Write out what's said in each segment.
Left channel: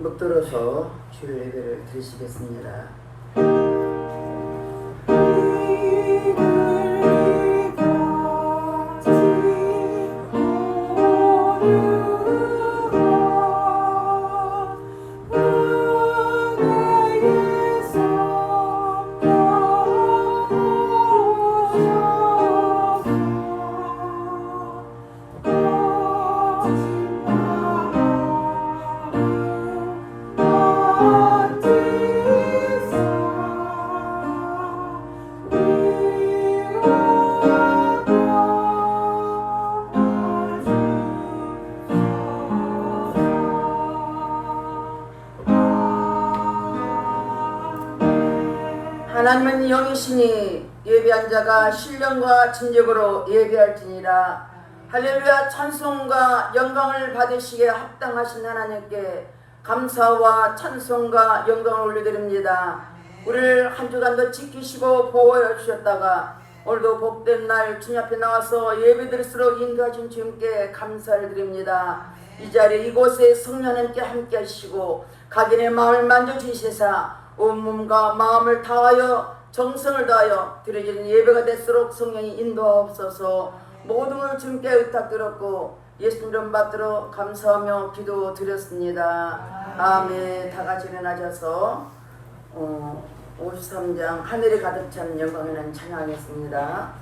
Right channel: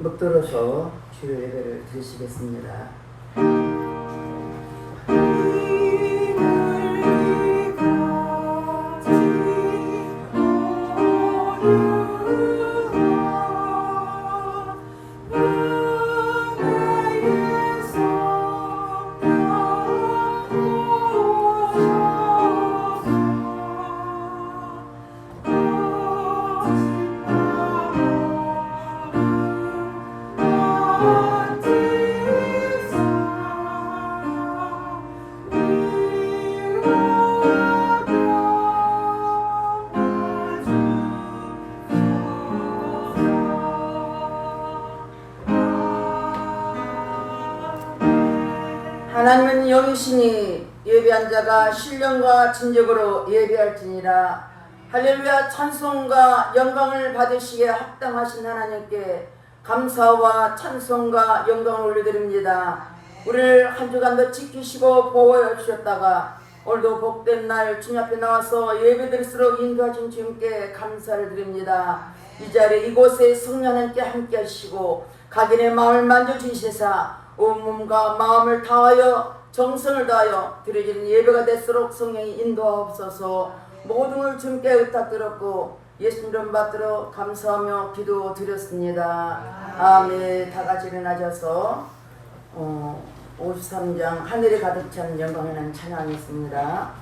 묵들어서 주의 예배를 드리시겠습니다. 하나님은 영이시니 예배한 자가 신령과 진정으로 예배할지니라. 할렐루야. 찬송과 영광을 받으시기에 합당하신 하나님께 감사와 찬송과 영광을 올려드립니다. 우리를 한 주간도 지키시고 보호해 주셨다가 오늘도 복된 날 주님 앞에 나와서 예배드릴수록 인도하신 주님께 감사를 드립니다. 이 자리에 이곳에 성령 하나님께 함께 하시고 각인의 마음을 만져주시사 온몸과 마음을 다하여 정성을 다하여 드려지는 예배가 될수록 성령이 인도하옵소서. 모든 걸 주님께 의탁드렸고 예수님 이름 받들어 감사하며 기도 드렸습니다. 아멘. 다 같이 일어나셔서 53장 하늘에 가득 찬 영광을 찬양하겠습니다.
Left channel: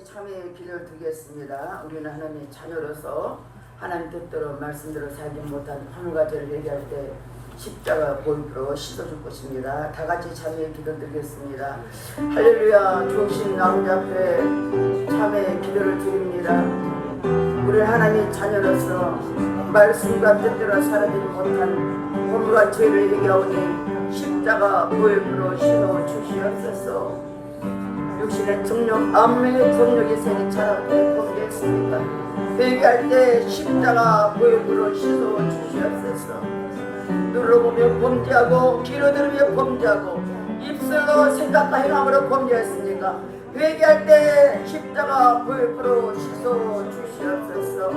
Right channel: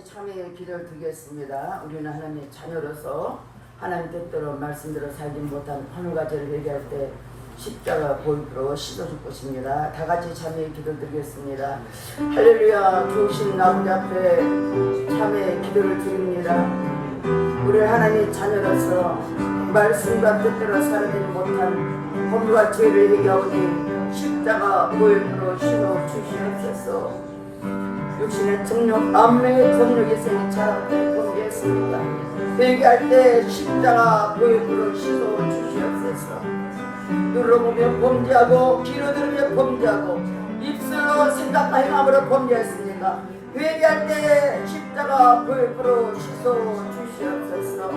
같이 참여의 기도를 드리겠습니다. 우리는 하나님의 자녀로서 하나님 뜻대로 말씀대로 살지 못한 헌가제를 얘기할 때 십자가 보이고 씻어 줄 것입니다. 다 같이 참여의 기도 드리겠습니다. 할렐루야. 좋으신 나오자 앞에 참여의 기도를 드립니다. 우리 하나님 자녀로서 말씀과 뜻대로 살지 못한 헌과 죄를 얘기하오니 십자가 보이고 씻어 주시옵소서. 육신의 정력, 암의 정력이 생이 차갑게 공개했습니다. 회개할 때 십자가 보혈로 씻어 주시옵소서. 눌러보며 범죄하고 귀로 들으며 범죄하고 입술로 생각과 행함으로 범죄했으니까 회개할 때 십자가 보혈로 씻어 주시옵소서.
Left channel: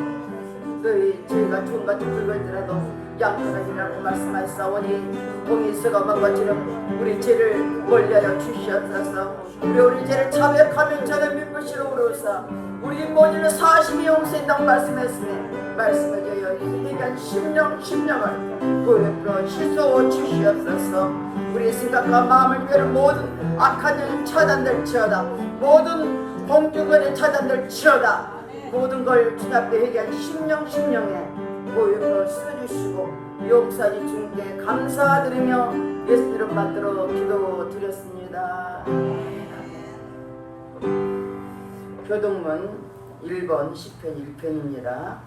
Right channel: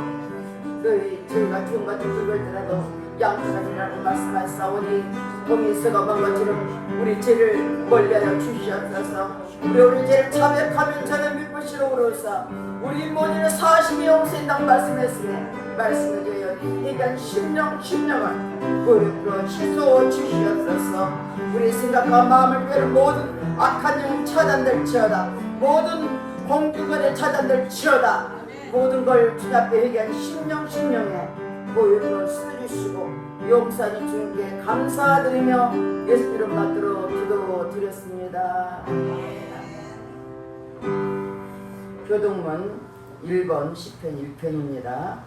너희 저희가 주님과 들고있더라도 양파가지라고 말씀하셨사오니 공이 서가만 것처럼 우리 죄를 멀리하여 주시옵소서. 우리 죄를 자백하면 저는 믿으시러 오르사 우리 모두는 40이 용서한다고 말씀했으니 말씀을 되어 이간 심령을 보혈로 씻어 주시옵소서. 우리 생각과 마음을 끄는 모든 악한 일 차단될지어다. 모든 공중권의 차단될지어다. 모든 걸 주 앞에 회개한 심령에 보혈로 쓰주시고 용서해 주님께 감사드리며 예수 이름 받들어 기도 드렸습니다. 교동문 1번 10편 1편입니다.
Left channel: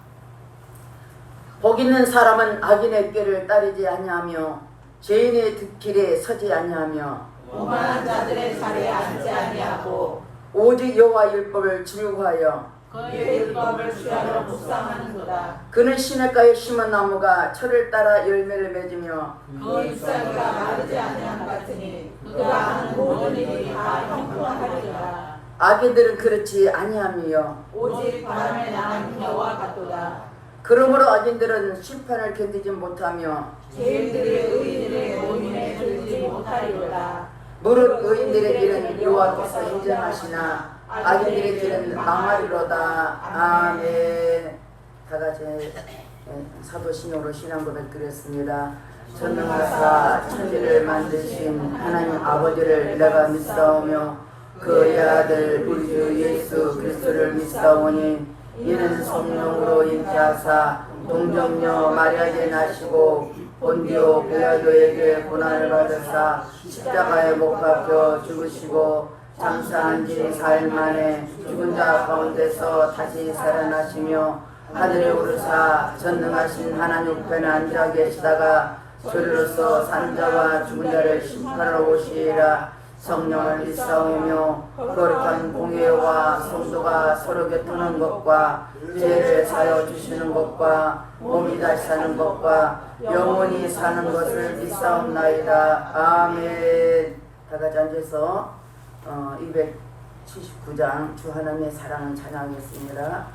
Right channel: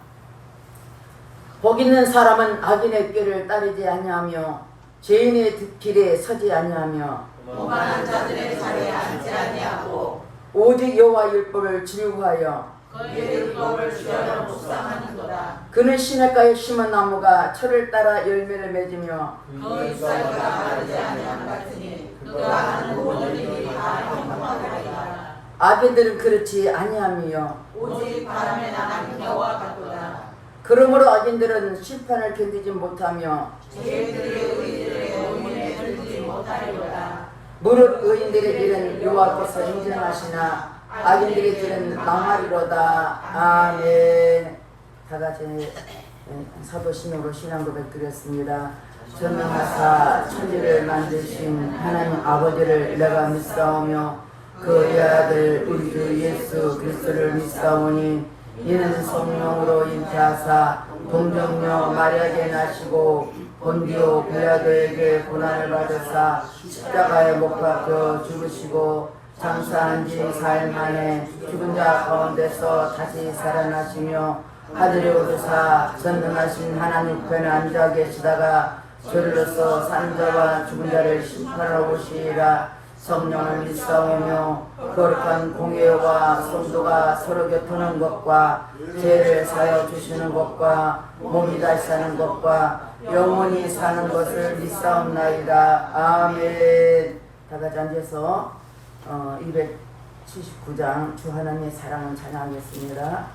복 있는 사람은 악인의 꾀를 따르지 아니하며 죄인의 길에 서지 아니하며 오만한 자들의 자리에 앉지 아니하고 오직 여호와 율법을 즐거워하여 그의 율법을 주야로 묵상하는도다. 그는 시냇가에 심은 나무가 철을 따라 열매를 맺으며 그 잎사귀가 마르지 아니함 같으니 그가 하는 모든 일이 다 형통하리라. 악인들은 그렇지 아니하며 오직 바람에 나간 겨와 같도다. 그러므로 악인들은 심판을 견디지 못하며 죄인들이 의인들의 고민에 들지 못하리로다. 무릇 의인들의 길은 여호와께서 인정하시나 악인들의 길은 망하리로다. 아멘. 다같이 사도신경으로 신앙고백 드렸습니다. 전능하사 천지를 만드신 하나님 아버지를 내가 믿사오며 그의 아들 우리 주 예수 그리스도를 믿사오니 이는 성령으로 잉태하사 동정녀 마리아에게 나시고 본디오 빌라도에게 고난을 받으사 십자가에 못 박혀 죽으시고 장사한 지 4일 만에 죽은 자 가운데서 다시 살아나시며 하늘에 오르사 전능하신 하나님 편에 앉아 계시다가 저리로서 사는 자와 죽은 자를 심판하러 오시리라. 성령을 믿사오며 거룩한 공예와 성도가 서로 교통하는 것과 죄를 사여 주시는 것과 몸이 다시 사는 것과 영원히 사는 것을 믿사옵나이다. 아멘. 다같이 앉아서 279장 주 하나님의 사랑을 찬양하겠습니다.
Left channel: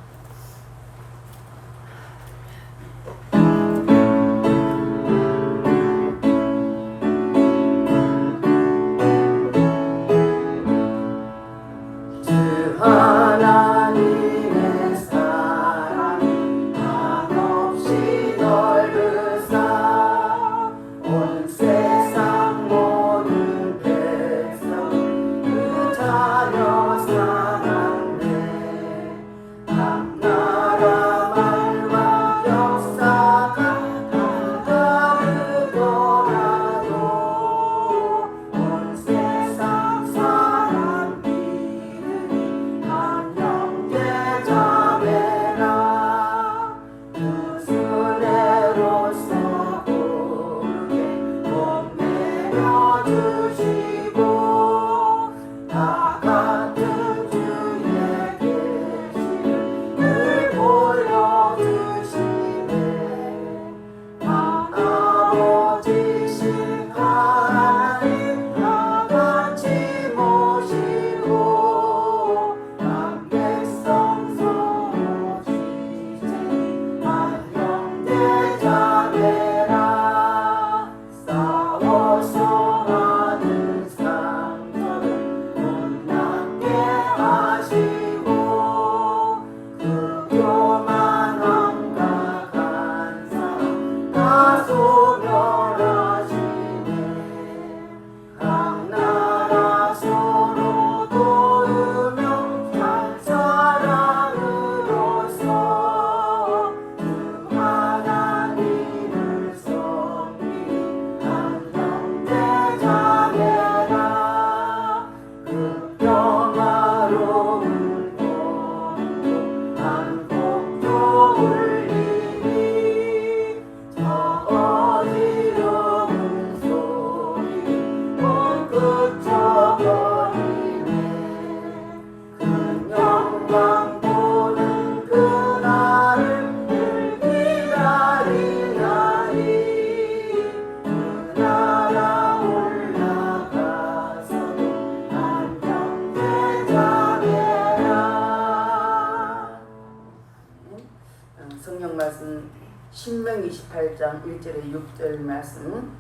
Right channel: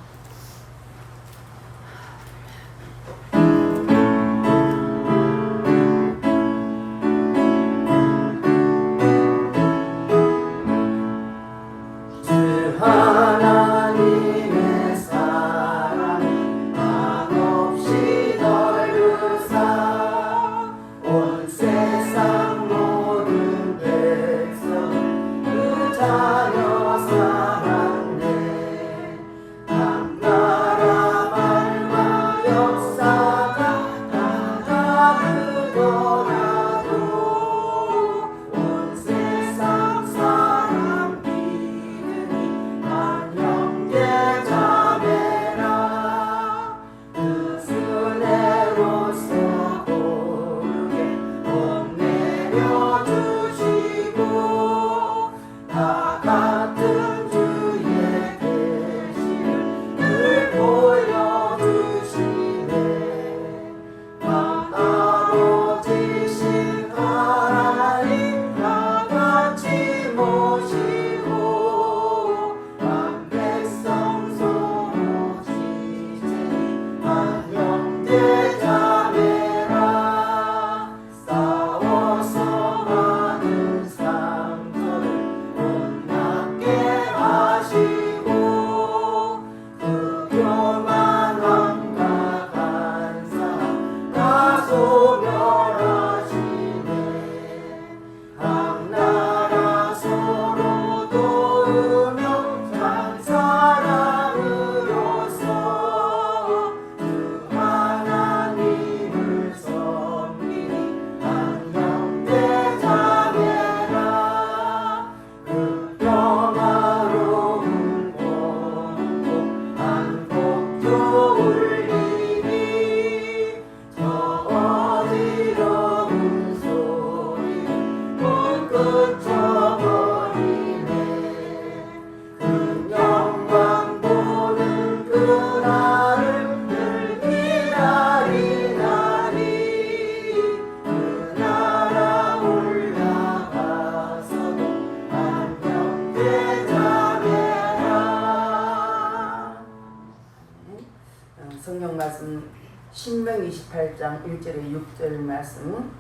28장 1절에 6절 말씀,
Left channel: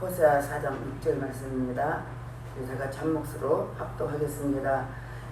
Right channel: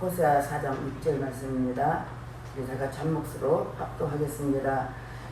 호세아 4장 6절 말씀입니다. 제가 잠목수로 합독하겠습니다.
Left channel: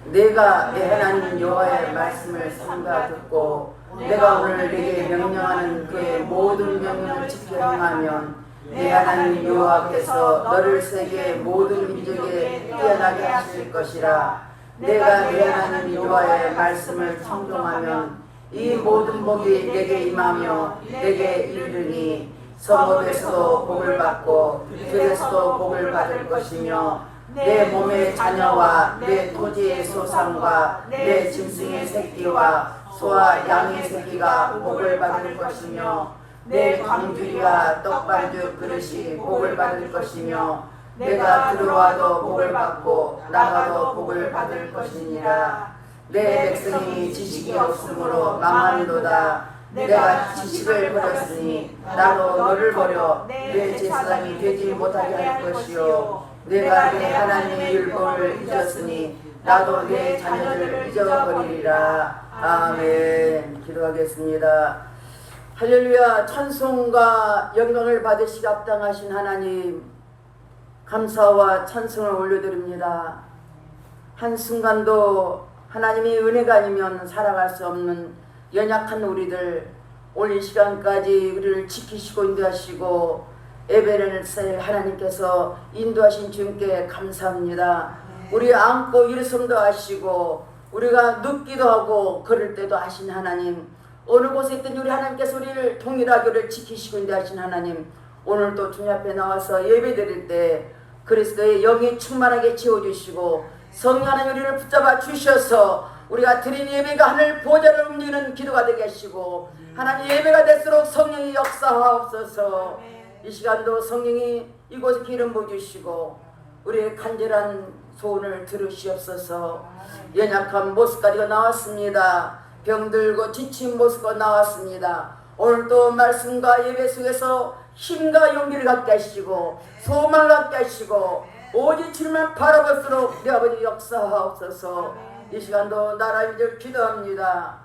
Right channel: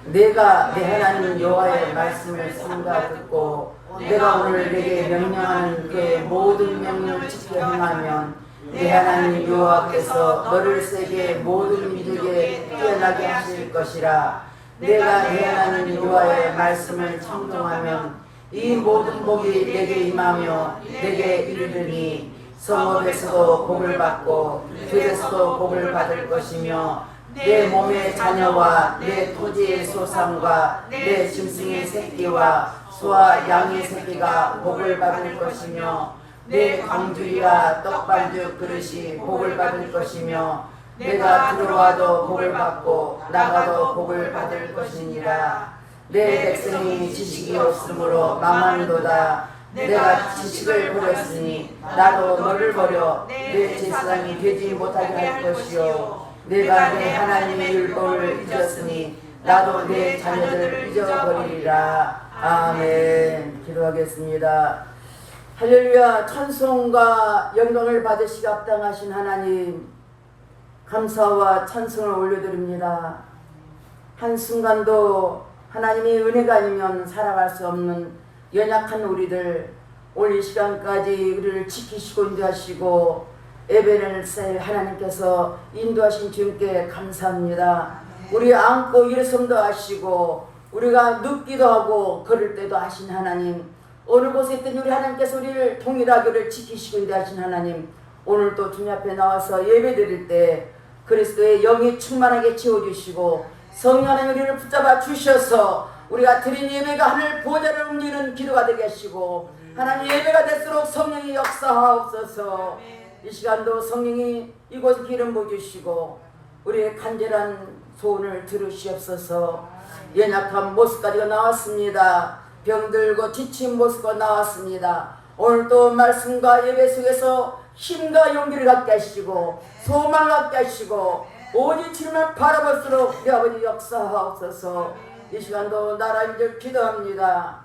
내가 내 하나님 여호와의 말씀을 삼가 듣고 내가 오늘 내게 명령하는 그의 모든 명령을 지켜 행하면 내 하나님 여호와께서 너를 세계 모든 민족에 뛰어나게 하실 것이라. 내가 내 하나님 여호와의 말씀을 청종하면 이 모든 복이 내게 임하며 내게 이르리니 성읍에서도 복을 받고 들에서도 복을 받을 것이며 내 몸의 자녀와 내 토지의 소산과 내 짐승의 새끼와 소와 양의 새끼가 복을 받을 것이며 내 광주리와 떡반죽 그릇이 복을 받을 것이며 내가 들어와도 복을 받고 나가도 복을 받을 것이니라. 내 백성이 지식이 없으므로 망하는도다. 내가 지식을 버렸으니 나도 너를 버려 내 제사장이 되지 못하게 할 것이요 내가 내 하나님의 율법을 잊었으니 나도 내 자녀들을 잊어버리리라. 아멘. 기도하겠습니다. 할렐루야. 찬송과 영광을 받으시기 합당하신 하나님, 감사와 찬송을 올려드립니다. 한순간도 하나님이 은혜가 아니면 살아갈 수 없는 연약한 우리들, 오늘 이 시간까지 우리를 지키시고 인도하시고 예배를 셀 하나님께서 인도하신 주님께 감사합니다. 우리 안고 일성도 하시고 우리가 눕기도 하고 걸을 때도 하신 하나님, 어느 곳에 있든 우리 하나님께서 우리를 동일하게 우리를 지키시고 인도하신 하나님, 오늘 또 주님 앞에 나와서 예배 드릴 때 그리스도의 영이 충만하게 채워주시고 성령 하나님 우리를 붙잡아 주셔서 우리가 드린 예배가 하늘 보좌를 움직이는 기도가 되게 하시고 하나님 예배가 될수록 성령이 역사하옵소서. 이 시간도 성령이 이곳에 기름 부어주시고 우리의 간절한 소원을 들으시옵소서. 연약한 모습까지가 나왔습니다. 병들고 지친 모습가 나왔습니다. 오늘도 말씀과 예배 속에서 힘과 용기를 갖게 하시고 소망을 갖게 하시고 오직 주님을 바라볼수록 내 아버지 역사하옵소서. 이 시간도 나라님들 기도합니다.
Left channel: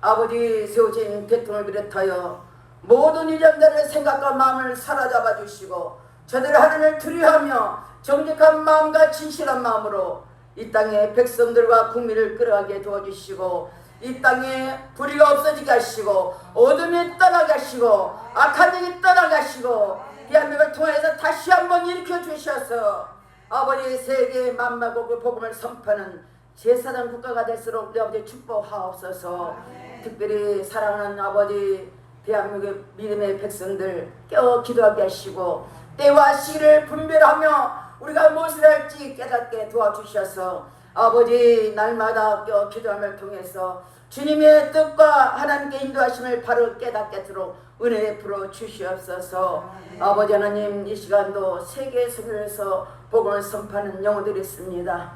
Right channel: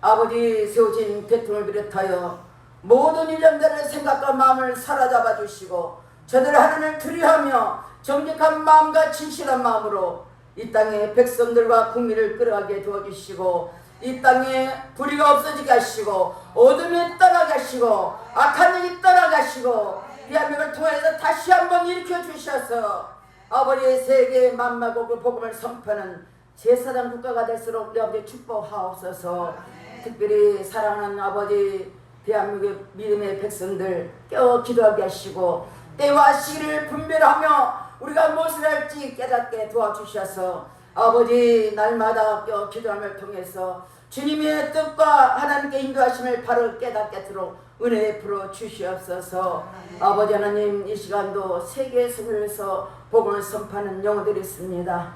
아버지 세우신 대통령을 비롯하여 모든 이전들의 생각과 마음을 사로잡아 주시고 저들의 하나님을 두려워하며 정직한 마음과 진실한 마음으로 이 땅의 백성들과 국민을 끌어가게 도와주시고 이 땅에 불의가 없어지게 하시고 어둠이 떠나게 하시고 악한 일이 떠나게 하시고 대한민국을 통해서 다시 한번 일으켜 주셔서 아버지의 세계 만마국의 복음을 선포하는 제사장 국가가 될수록 우리 아버지 축복하옵소서. 특별히 사랑하는 아버지 대한민국 믿음의 백성들 깨어 기도하게 하시고 때와 시기를 분별하며 우리가 무엇을 할지 깨닫게 도와주셔서 아버지 날마다 깨어 기도함을 통해서 주님의 뜻과 하나님께 인도하심을 바로 깨닫게 하도록 은혜 풀어 주시옵소서. 아버지 하나님, 이 시간도 세계 속에서 복음을 선포하는 영혼들이 있습니다.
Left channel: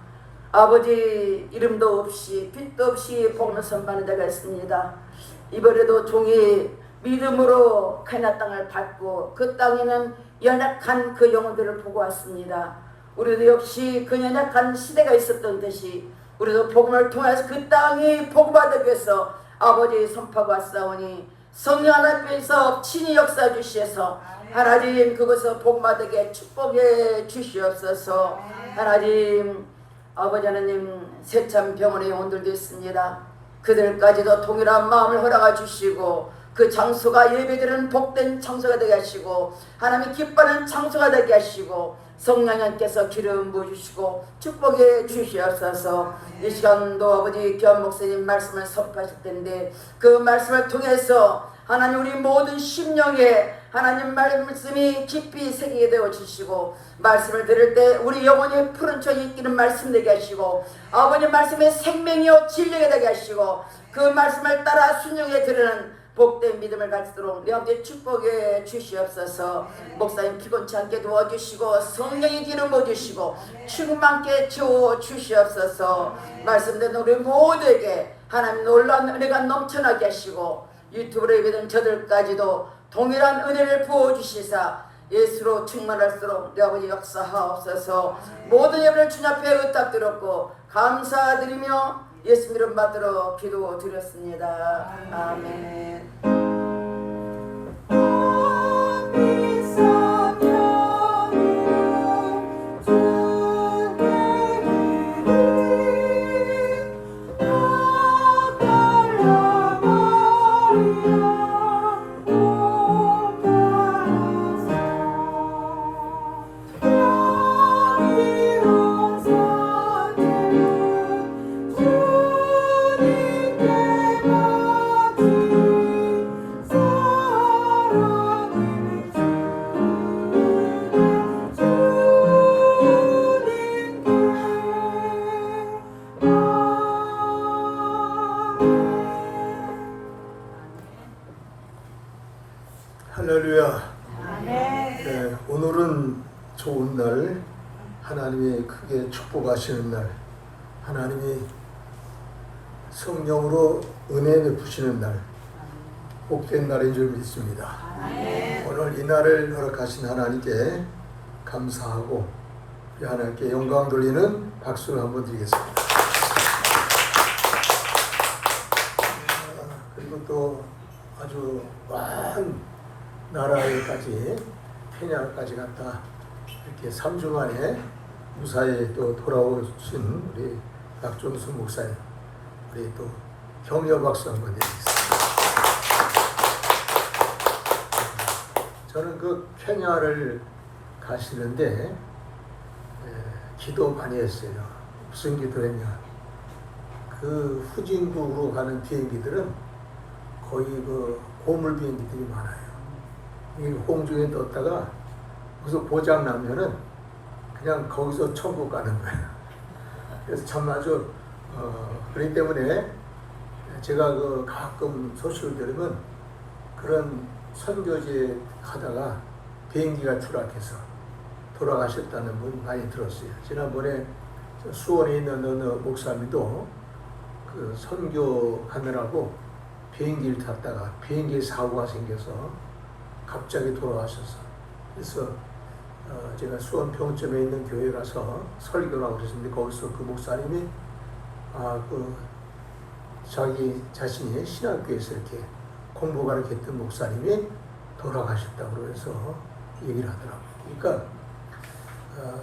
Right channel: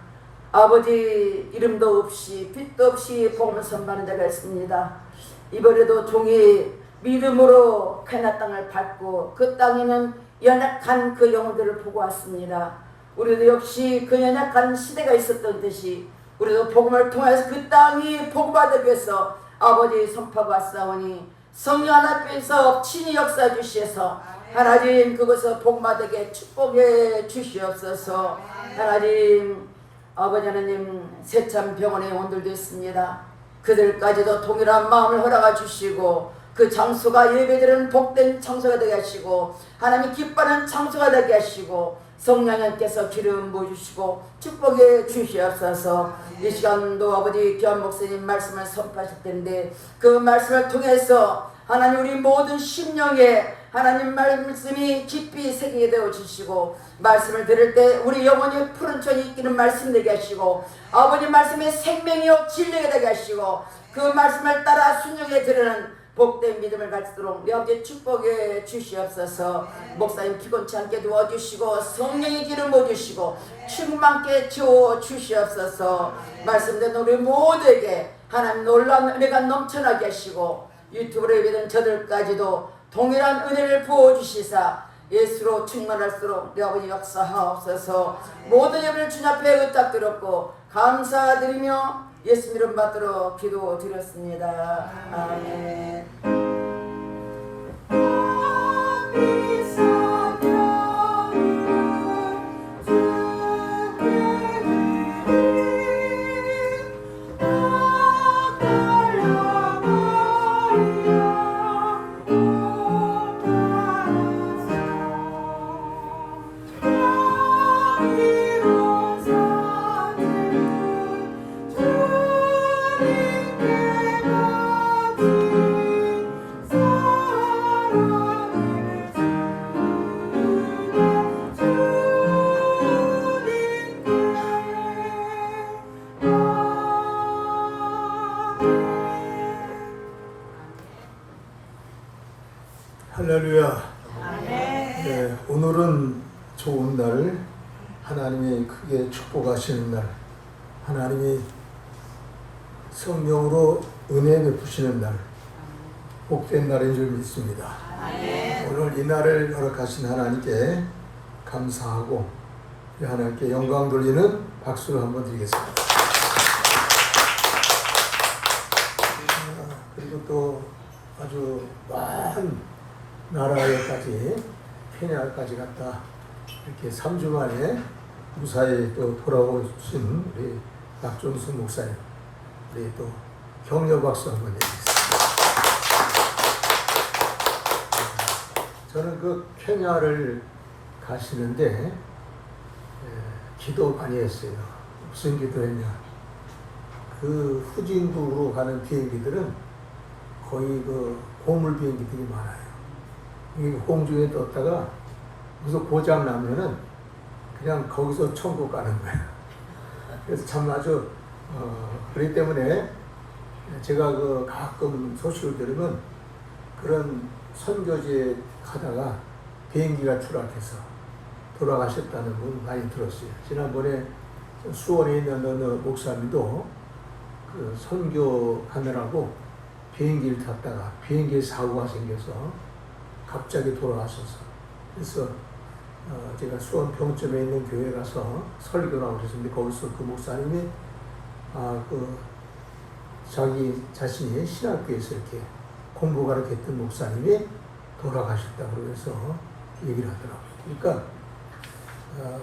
아버지 이름도 없이 빛도 없이 복음을 선포하는 자가 있습니다. 이번에도 종이 믿음으로 가나안 땅을 밟고 그 땅에는 연약한 그 영혼들을 보고 왔습니다. 우리도 역시 그 연약한 시대가 있었던 듯이 우리도 복음을 통해서 그 땅이 복음받기 위해서 아버지 선포하고 왔사오니 성령 하나님께서 친히 역사해 주시어서 하나님 그것을 복음받게 축복해 주시옵소서. 하나님 아버지 하나님 세참 병원에 온들도 있습니다. 그들까지도 동일한 마음을 허락해 주시고 그 장소가 예배드리는 복된 장소가 되게 하시고 하나님이 기뻐하는 장소가 되게 하시고 성령님께서 기름 부어주시고 축복해 주시옵소서. 이 시간도 아버지 귀한 목사님 말씀을 선포하실 텐데 그 말씀을 통해서 하나님 우리 모든 심령에 하나님 말씀이 깊이 새기게 되어 주시고 말씀을 들을 때 우리 영혼이 푸른 천이 있기는 말씀 되게 하시고 아버지 말씀의 생명이요 진리가 되게 하시고 그 말씀을 따라 순종해 들으는 복된 믿음을 갖도록 내 아버지 축복해 주시옵소서. 목사님 피곤치 않게 도와주시고 성령의 기름 부어주시고 충만케 채워 주시옵소서. 말씀대로 우리 모두에게 하나님 놀라운 은혜가 넘쳐나게 하시고 유튜브로 예배된 저들까지도 동일한 은혜를 부어주시사 예수로 충만할수록 내 아버지 역사하옵소서. 모든 예배를 주님 앞에 의탁드렸고 감사드리며 예수 이름 받들어 기도드렸습니다. 아멘. 할렐루야. 네, 오늘은 좋은 날, 하나님이 크게 축복하시는 날, 하나님이 성령으로 은혜 베푸시는 날, 복된 날인 줄 믿습니다. 오늘 이 날을 허락하신 하나님께 감사하고 하나님께 영광 돌리는 박수를 한번 드리겠습니다. 그리고 또 아주 먼 나라에까지, 케냐까지 갔다 이렇게 3주 만에 무사히 또 돌아오신 우리 박종수 목사님, 우리 또 격려 박수 한번 드리겠습니다. 저는 그 케냐를 가시는데 기도 많이 했어요. 무슨 기도했냐? 그 후진국으로 가는 비행기들은 거의 그 고물 비행기들이 많아요. 이 공중에 떴다가 무슨 고장 나면은 그냥 거기서 천국 가는 거예요. 그래서 참 아주 그렇기 때문에 제가 그 가끔 소식을 들으면 그런 선교지에 가다가 비행기가 추락해서 돌아가셨다는 분 많이 들었어요. 지난번에 수원에 있는 어느 목사님도 그 선교 가느라고 비행기를 탔다가 비행기에 사고가 생겨서 갑자기 돌아가셔서, 그래서 제가 수원 평점에 있는 교회 가서 설교를 하고 있었는데 거기서 그 목사님이 그 자기 자신이 신학교에서 이렇게 공부 가르쳤던 목사님이 돌아가셨다고 그러면서 얘기를 하더라고요. 그러니까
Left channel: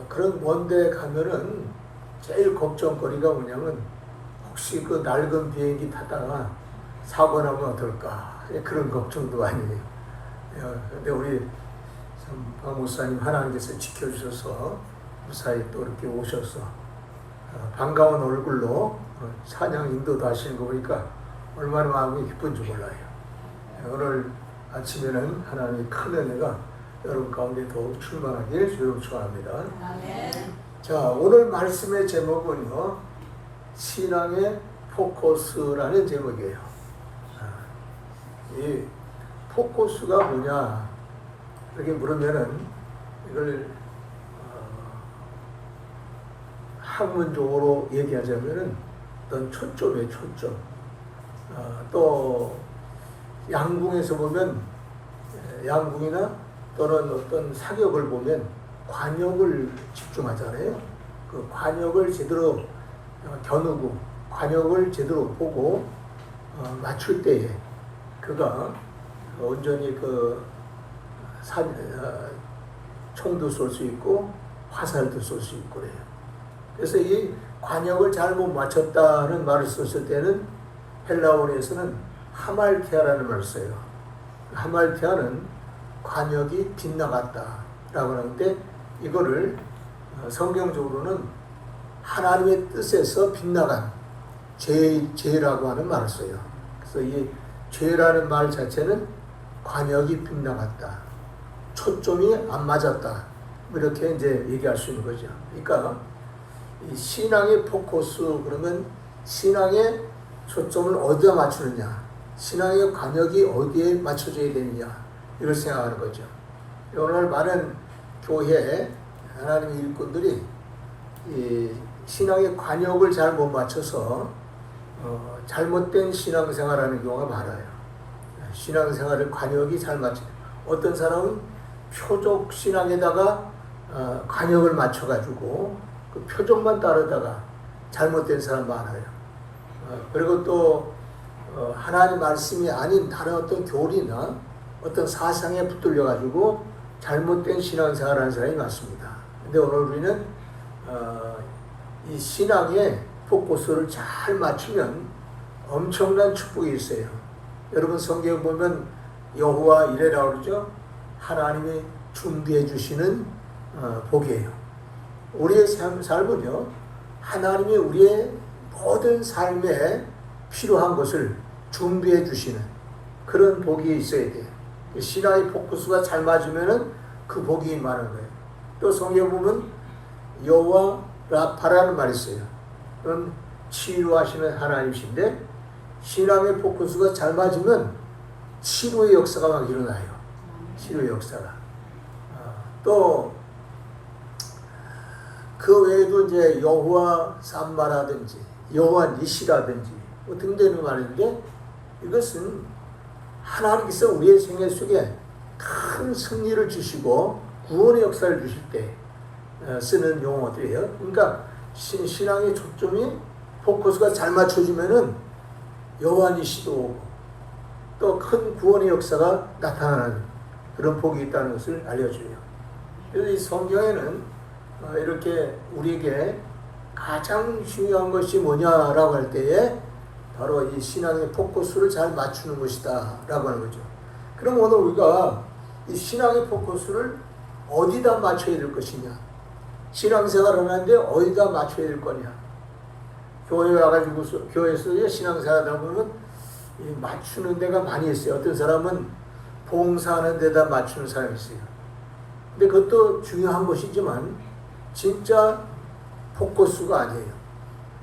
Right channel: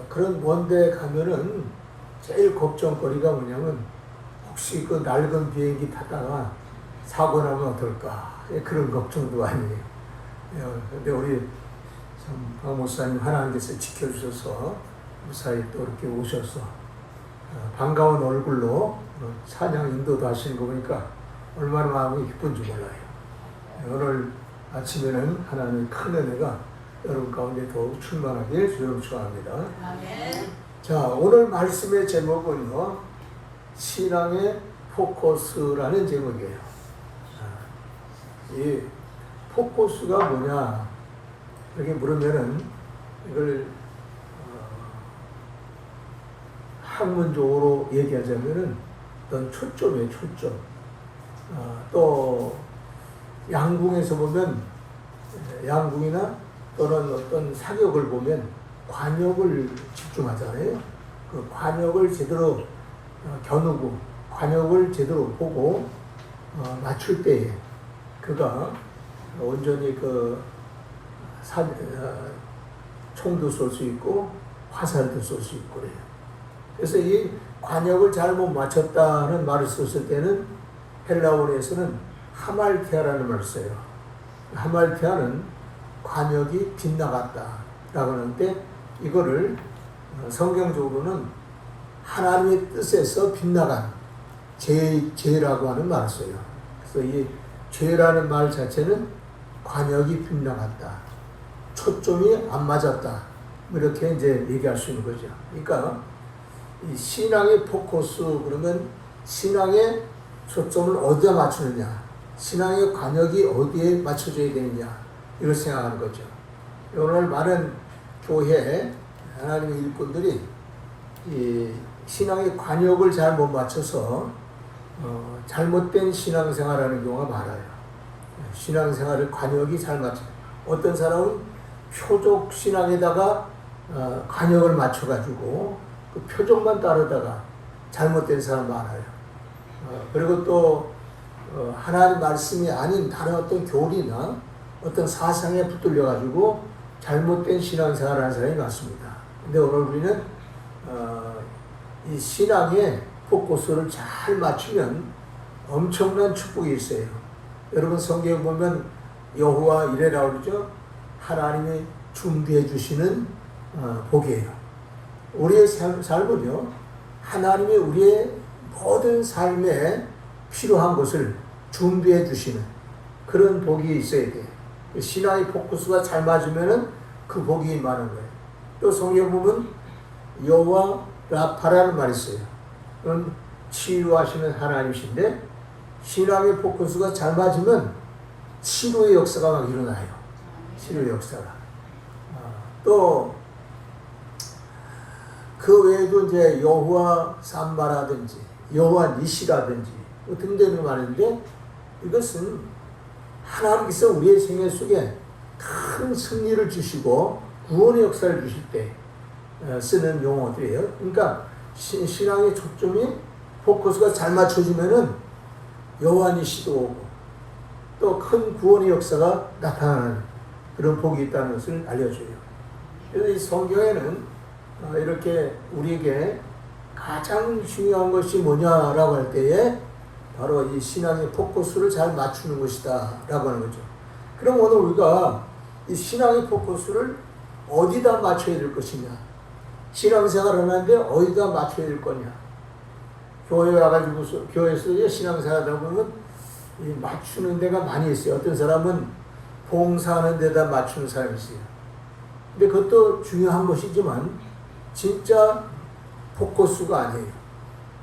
그런 먼데 가면은 제일 걱정거리가 뭐냐면 혹시 그 낡은 비행기 타다가 사고 나면 어떨까, 그런 걱정도 많이 해요. 근데 우리 박 목사님 하나님께서 지켜주셔서 무사히 또 이렇게 오셔서 반가운 얼굴로 찬양 인도도 하시는 거 보니까 얼마나 마음이 기쁜지 몰라요. 오늘 아침에는 하나님의 큰 은혜가 여러분 가운데 더욱 충만하길 주로 축원합니다. 자, 오늘 말씀의 제목은요, 신앙의 포커스라는 제목이에요. 이 포커스가 뭐냐 이렇게 물으면은 이걸 학문적으로 얘기하자면은 어떤 초점이에요, 초점. 또 양궁에서 보면, 양궁이나 또는 어떤 사격을 보면 관역을 집중하잖아요. 그 관역을 제대로 겨누고 관역을 제대로 보고 맞출 때에 그가 온전히 그 총도 쏠 수 있고 화살도 쏠 수 있고 그래요. 그래서 이 관역을 잘못 맞췄다는 말을 썼을 때는 헬라어에서는 하말티아라는 말을 써요. 하말티아는 관역이 빗나갔다라고 하는데 이거를 성경적으로는 하나님의 뜻에서 빗나간 죄라고 하는 말을 써요. 그래서 이 죄라는 말 자체는 관역이 빗나갔다, 초점이 안 맞았다, 이렇게 이제 얘기할 수 있는 거죠. 그러니까 이 신앙의 포커스 그러면 신앙의 초점을 어디에 맞추느냐, 신앙의 관역이 어디에 맞춰져야 되느냐, 이걸 생각하는 거죠. 오늘 많은 교회 하나님의 일꾼들이 이 신앙의 관역을 잘 못 맞춰서 잘못된 신앙생활하는 경우가 많아요. 신앙생활을 관역이 잘 맞춰. 어떤 사람은 표적 신앙에다가 관역을 맞춰가지고 그 표적만 따르다가 잘못된 사람 많아요. 그리고 또 하나님 말씀이 아닌 다른 어떤 교리나 어떤 사상에 붙들려 가지고 잘못된 신앙생활을 하는 사람이 많습니다. 근데 오늘 우리는 이 신앙의 포커스를 잘 맞추면 엄청난 축복이 있어요. 여러분 성경 보면 여호와 이레라고 그러죠. 하나님이 준비해 주시는 복이에요. 우리의 삶은요, 하나님이 우리의 모든 삶에 필요한 것을 준비해 주시는 그런 복이 있어야 돼요. 신앙의 포커스가 잘 맞으면은 그 복이 많은 거예요. 또 성경 보면 여호와 라파라는 말이 있어요. 그건 치유하시는 하나님이신데 신앙의 포커스가 잘 맞으면 치료의 역사가 막 일어나요. 치료의 역사가. 또 그 외에도 이제 여호와 삼바라든지 여호와 니시라든지 등등이 많은데 이것은 하나님께서 우리의 생애 속에 큰 승리를 주시고 구원의 역사를 주실 때 쓰는 용어들이에요. 그러니까 신앙의 초점이 포커스가 잘 맞춰지면은 여호와 니시도 오고 또 큰 구원의 역사가 나타나는 그런 복이 있다는 것을 알려줘요. 그래서 이 성경에는 이렇게 우리에게 가장 중요한 것이 뭐냐라고 할 때에 바로 이 신앙의 포커스를 잘 맞추는 것이다 라고 하는 거죠. 그럼 오늘 우리가 이 신앙의 포커스를 어디다 맞춰야 될 것이냐, 신앙생활을 하는데 어디다 맞춰야 될 거냐. 교회에 와가지고 교회에서 신앙생활 하다 보면 맞추는 데가 많이 있어요. 어떤 사람은 봉사하는 데다 맞추는 사람이 있어요. 근데 그것도 중요한 것이지만 진짜 포커스가 아니에요.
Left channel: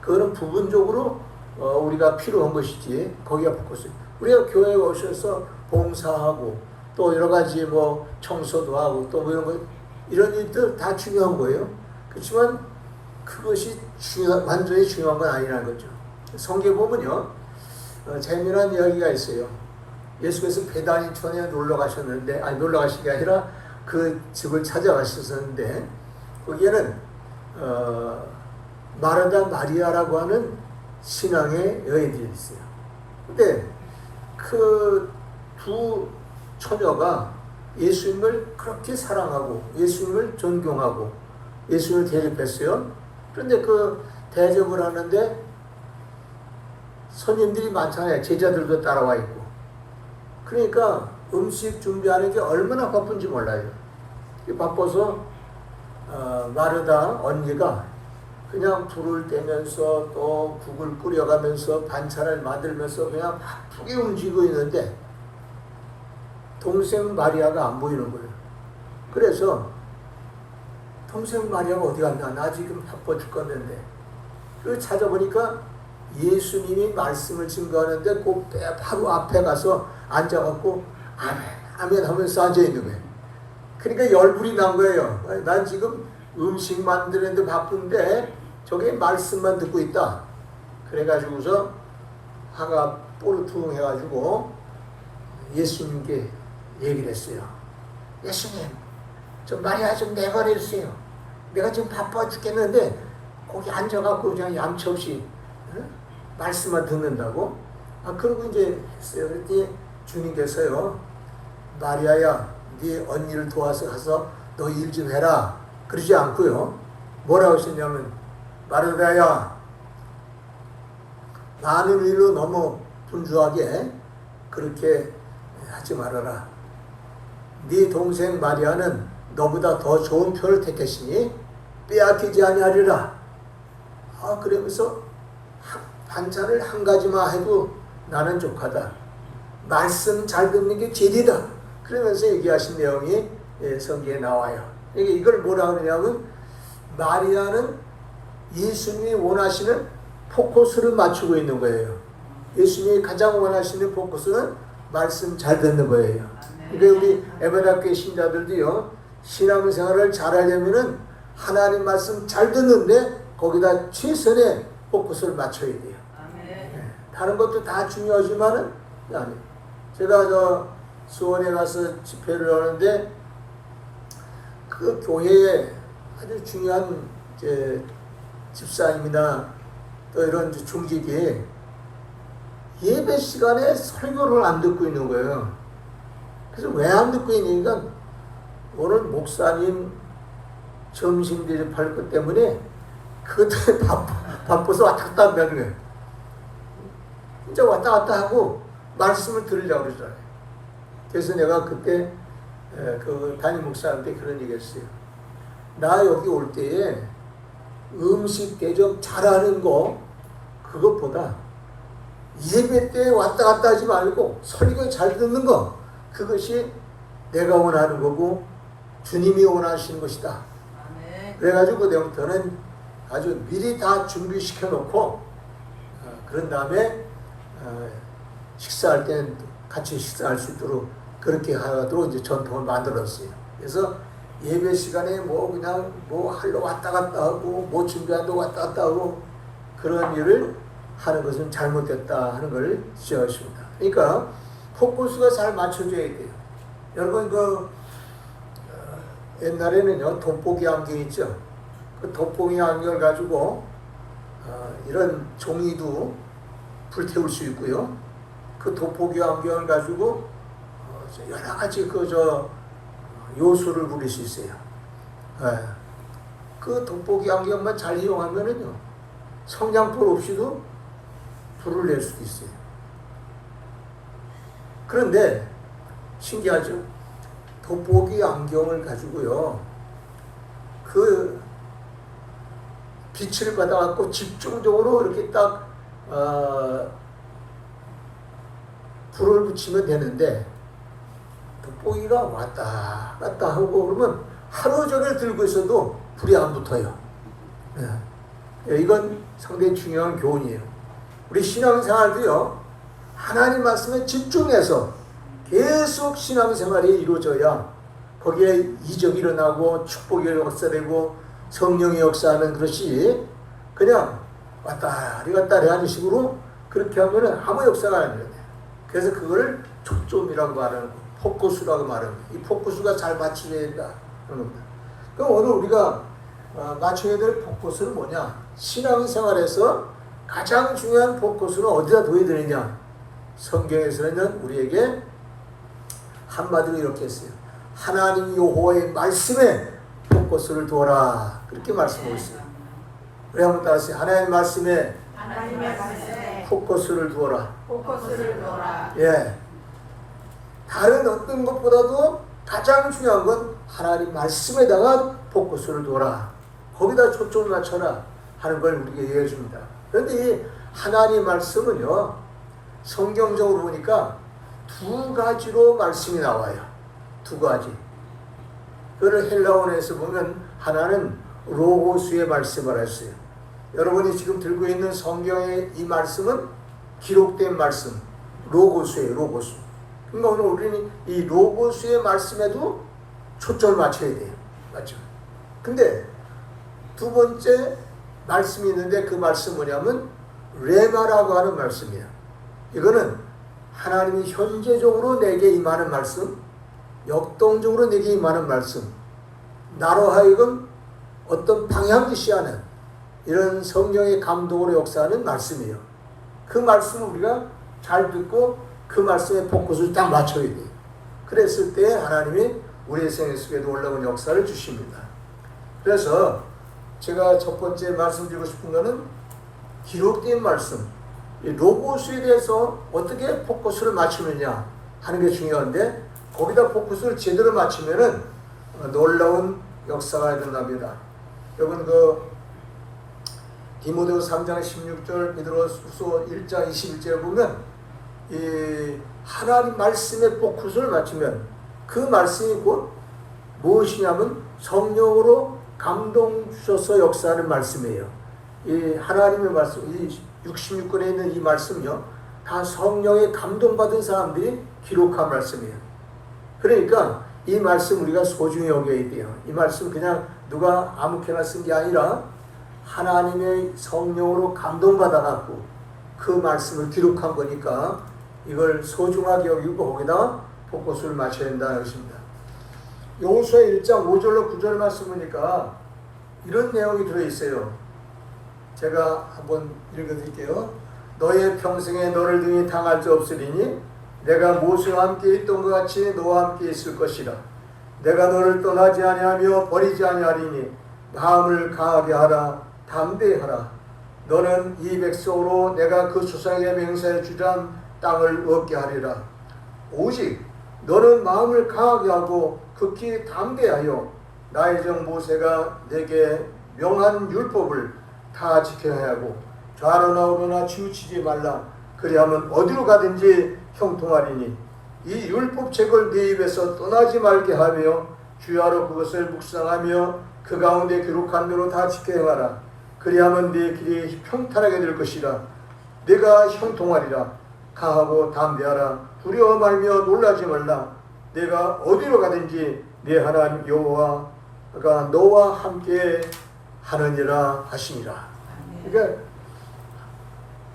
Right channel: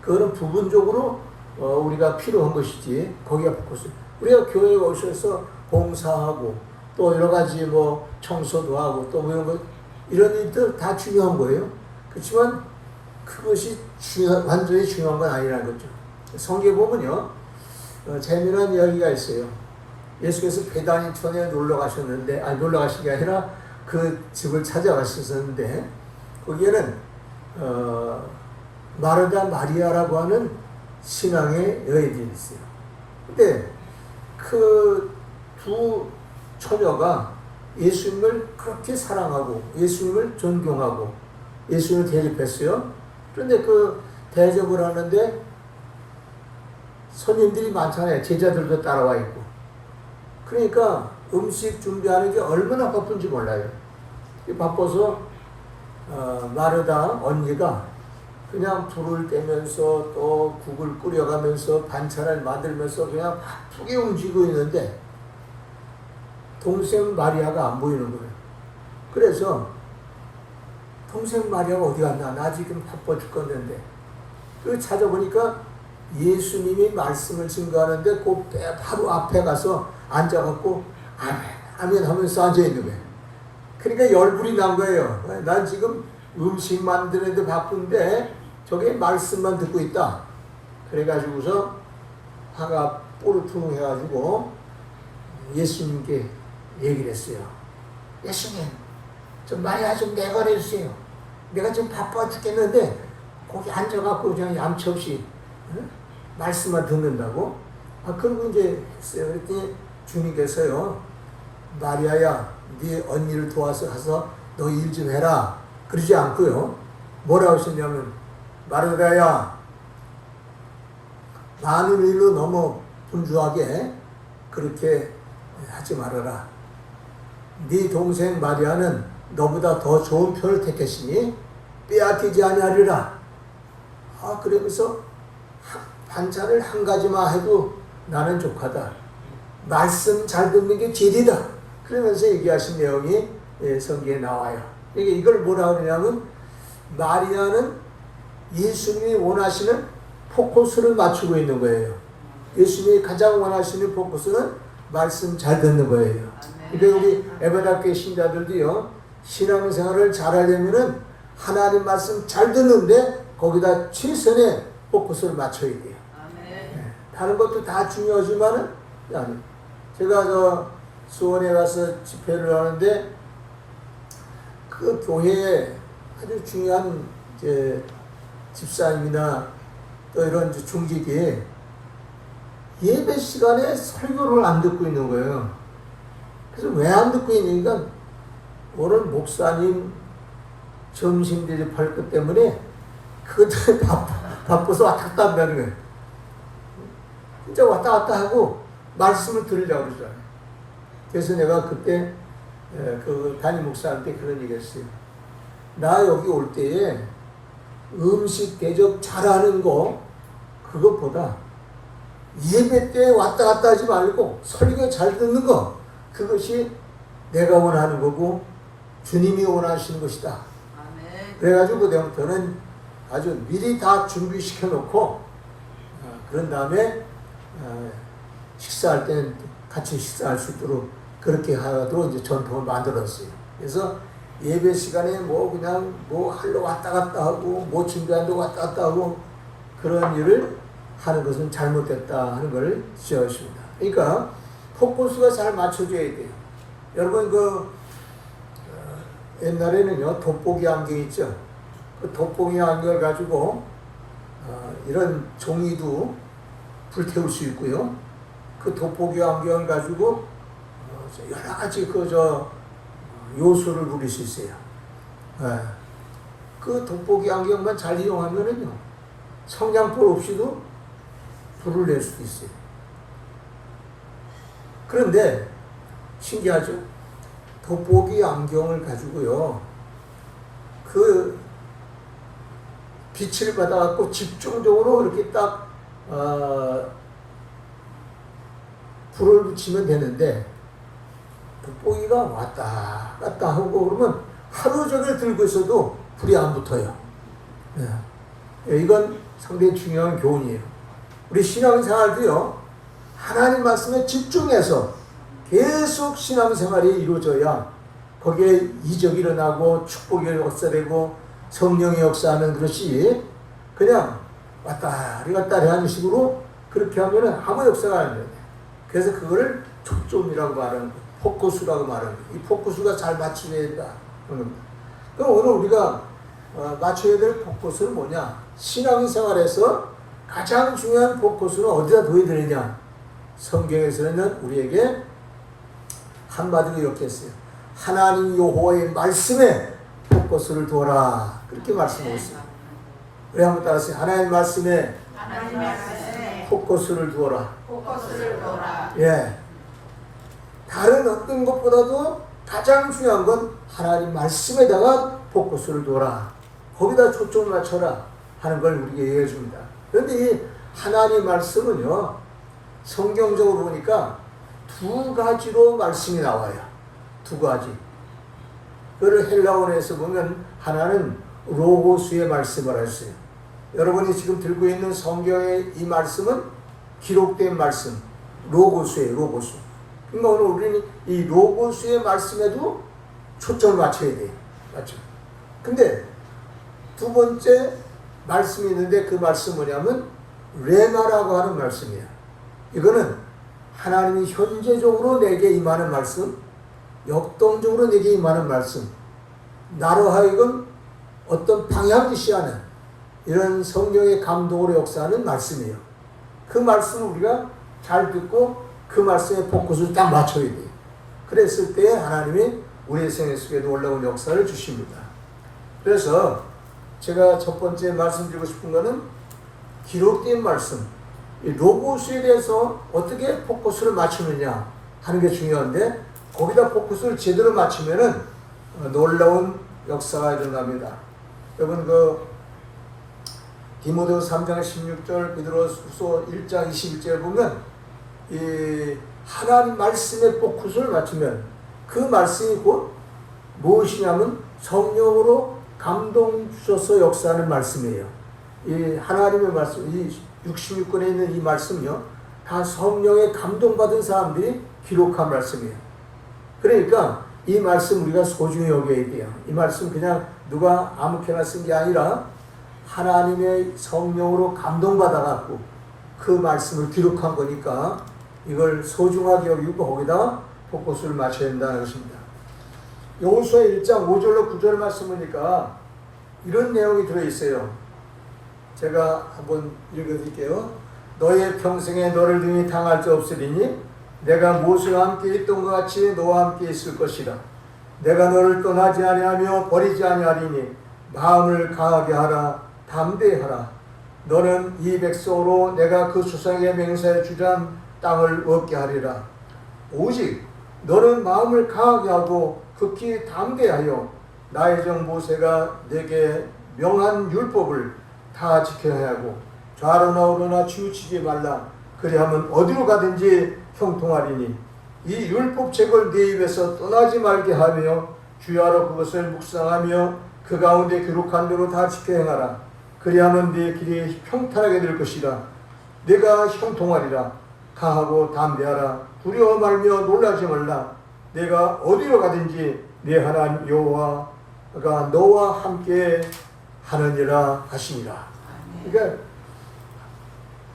그거는 부분적으로 우리가 필요한 것이지 거기가 포커스. 우리가 교회에 오셔서 봉사하고 또 여러 가지 뭐 청소도 하고 또 이런 거 이런 일들 다 중요한 거예요. 그렇지만 그것이 완전히 중요한 건 아니라는 거죠. 성경 보면요, 재미난 이야기가 있어요. 예수께서 베다니촌에 놀러 가셨는데, 놀러 가신 게 아니라 그 집을 찾아가셨었는데, 거기에는 마르다 마리아라고 하는 신앙의 여인들이 있어요. 근데 그 두 처녀가 예수님을 그렇게 사랑하고 예수님을 존경하고 예수님을 대접했어요. 그런데 그 대접을 하는데 손님들이 많잖아요. 제자들도 따라와 있고. 그러니까 음식 준비하는 게 얼마나 바쁜지 몰라요. 바빠서 마르다 언니가 그냥 불을 떼면서 또 국을 끓여가면서 반찬을 만들면서 그냥 바쁘게 움직이고 있는데 동생 마리아가 안 보이는 거예요. 그래서 동생 마리아가 어디 갔나? 나 지금 바빠 죽겠는데. 그 찾아보니까 예수님이 말씀을 증거하는데 그 바로 앞에 가서 앉아갖고 아멘 아멘 하면서 앉아있는 거예요. 그러니까 열불이 난 거예요. 난 지금 음식 만드는데 바쁜데 저게 말씀만 듣고 있다. 그래가지고서 화가 뽀르퉁 해가지고 예수님께 얘기를 했어요. 예수님, 좀 마리아 좀 내보내주세요. 내가 좀 바빠 죽겠는데 거기 앉아갖고 그냥 얌치 없이 말씀만 듣는다고? 그러고 이제 했어요. 그랬더니 주님께서요, 마리아야, 네 언니를 도와서 가서 너 일 좀 해라. 그러지 않고요. 뭐라고 하셨냐면, 마르다야, 많은 일로 너무 분주하게 그렇게 하지 말아라. 네 동생 마리아는 너보다 더 좋은 표를 택했으니 빼앗기지 아니하리라. 그러면서 반찬을 한 가지만 해도 나는 족하다. 말씀 잘 듣는 게 진리다. 그러면서 얘기하신 내용이 성경에 나와요. 이걸 뭐라 그러냐면 마리아는 예수님이 원하시는 포커스를 맞추고 있는 거예요. 예수님이 가장 원하시는 포커스는 말씀 잘 듣는 거예요. 그러니까 우리 에베다교회 신자들도요, 신앙생활을 잘하려면은 하나님 말씀 잘 듣는데 거기다 최선의 포커스를 맞춰야 돼요. 다른 것도 다 중요하지만은 아니. 제가 수원에 가서 집회를 하는데 그 교회에 아주 중요한 집사님이나 또 이런 중직이 예배 시간에 설교를 안 듣고 있는 거예요. 그래서 왜 안 듣고 있니까 오늘 목사님 점심 대접할 것 때문에 그것들 바빠서 왔다 갔다 한다는 거예요. 진짜 왔다 갔다 하고 말씀을 들으려고 그러잖아요. 그래서 내가 그때 그 담임 목사한테 그런 얘기 했어요. 나 여기 올 때에 음식 대접 잘하는 거 그것보다 예배 때 왔다 갔다 하지 말고 설교 잘 듣는 거 그것이 내가 원하는 거고 주님이 원하시는 것이다. 그래가지고 그때부터는 아주 미리 다 준비시켜 놓고 그런 다음에 식사할 때는 같이 식사할 수 있도록 그렇게 하도록 이제 전통을 만들었어요. 그래서 예배 시간에 뭐 그냥 뭐 하러 왔다 갔다 하고 뭐 준비한다고 왔다 갔다 하고 그런 일을 하는 것은 잘못됐다 하는 걸 지적했습니다. 그러니까 포커스가 잘 맞춰져야 돼요. 여러분 옛날에는요 돋보기 안경 있죠. 그 돋보기 안경을 가지고 이런 종이도 불태울 수 있고요. 그 돋보기 안경을 가지고 여러 가지 요소를 부릴 수 있어요. 그 돋보기 안경만 잘 이용하면은요 성냥불 없이도 불을 낼 수도 있어요. 그런데 신기하죠? 돋보기 안경을 가지고요 그 빛을 받아갖고 집중적으로 이렇게 딱 불을 붙이면 되는데 돋보기가 왔다 갔다 하고 그러면 하루 종일 들고 있어도 불이 안 붙어요. 이건 상당히 중요한 교훈이에요. 우리 신앙생활도요 하나님 말씀에 집중해서 계속 신앙생활이 이루어져야 거기에 이적이 일어나고 축복이 역사되고 성령이 역사하는 것이 그냥 왔다리 갔다리 하는 식으로 그렇게 하면은 아무 역사가 안 돼요. 그래서 그거를 초점이라고 말하는 거예요. 포커스라고 말하는 거예요. 이 포커스가 잘 맞춰야 된다. 그럼 오늘 우리가 맞춰야 될 포커스는 뭐냐? 신앙생활에서 가장 중요한 포커스는 어디다 둬야 되느냐? 성경에서는 우리에게 한마디로 이렇게 했어요. 하나님 여호와의 말씀에 포커스를 두어라. 그렇게 말씀하고 있어요. 우리 한번 따라하세요. 하나님의 말씀에 포커스를 두어라. 예. 다른 어떤 것보다도 가장 중요한 건 하나님 말씀에다가 포커스를 두어라. 거기다 초점을 맞춰라 하는 걸 우리에게 얘기해 줍니다. 그런데 이 하나님 말씀은요 성경적으로 보니까 두 가지로 말씀이 나와요. 두 가지. 그걸 헬라어에서 보면 하나는 로고스의 말씀을 했어요. 여러분이 지금 들고 있는 성경의 이 말씀은 기록된 말씀, 로고스예요. 로고스. 그러니까 오늘 우리는 이 로고스의 말씀에도 초점을 맞춰야 돼요. 맞죠? 근데 두 번째 말씀이 있는데 그 말씀 뭐냐면 레마라고 하는 말씀이에요. 이거는 하나님이 현재적으로 내게 임하는 말씀, 역동적으로 내게 임하는 말씀, 나로 하여금 어떤 방향지시하는 이런 성령의 감동으로 역사하는 말씀이에요. 그 말씀을 우리가 잘 듣고 그 말씀에 포커스를 딱 맞춰야 돼요. 그랬을 때 하나님이 우리의 생애 속에 놀라운 역사를 주십니다. 그래서 제가 첫 번째 말씀드리고 싶은 것은 기록된 말씀, 로고스에 대해서 어떻게 포커스를 맞추느냐 하는 게 중요한데 거기다 포커스를 제대로 맞추면은 놀라운 역사가 일어납니다. 여러분 디모데후서 3장 16절 베드로후서 1장 21절에 보면 이 하나님 말씀에 포커스를 맞추면 그 말씀이 곧 무엇이냐면 성령으로 감동 주셔서 역사하는 말씀이에요. 이 하나님의 말씀, 이 66권에 있는 이 말씀요, 다 성령의 감동받은 사람들이 기록한 말씀이에요. 그러니까 이 말씀 우리가 소중히 여겨야 돼요. 이 말씀 그냥 누가 아무렇게나 쓴 게 아니라 하나님의 성령으로 감동받아갖고 그 말씀을 기록한 거니까 이걸 소중하게 여기고 거기다 포커스를 맞춰야 된다는 것입니다. 여호수아 1장 5절로 9절 말씀 보니까 이런 내용이 들어있어요. 제가 한번 읽어드릴게요. 너의 평생에 너를 등이 당할 자 없으리니 내가 모세와 함께 있던 것 같이 너와 함께 있을 것이라. 내가 너를 떠나지 아니하며 버리지 아니하리니 마음을 강하게 하라. 담대하라. 너는 이 백성으로 내가 그 조상의 맹세에 주장 땅을 얻게 하리라. 오직 너는 마음을 강하게 하고 극히 담대하여 나의 종 모세가 내게 명한 율법을 다 지켜야 하고 좌로나 우로나 치우치지 말라. 그리하면 어디로 가든지 형통하리니 이 율법책을 네 입에서 떠나지 말게 하며 주야로 그것을 묵상하며 그 가운데 기록한 대로 다 지켜야 하라. 그리하면 네 길이 평탄하게 될 것이라. 내가 형통하리라. 강하고 담대하라. 두려워 말며 놀라지 말라. 내가 어디로 가든지 네 하나님 여호와가 너와 함께 하느니라 하시니라. 그러니까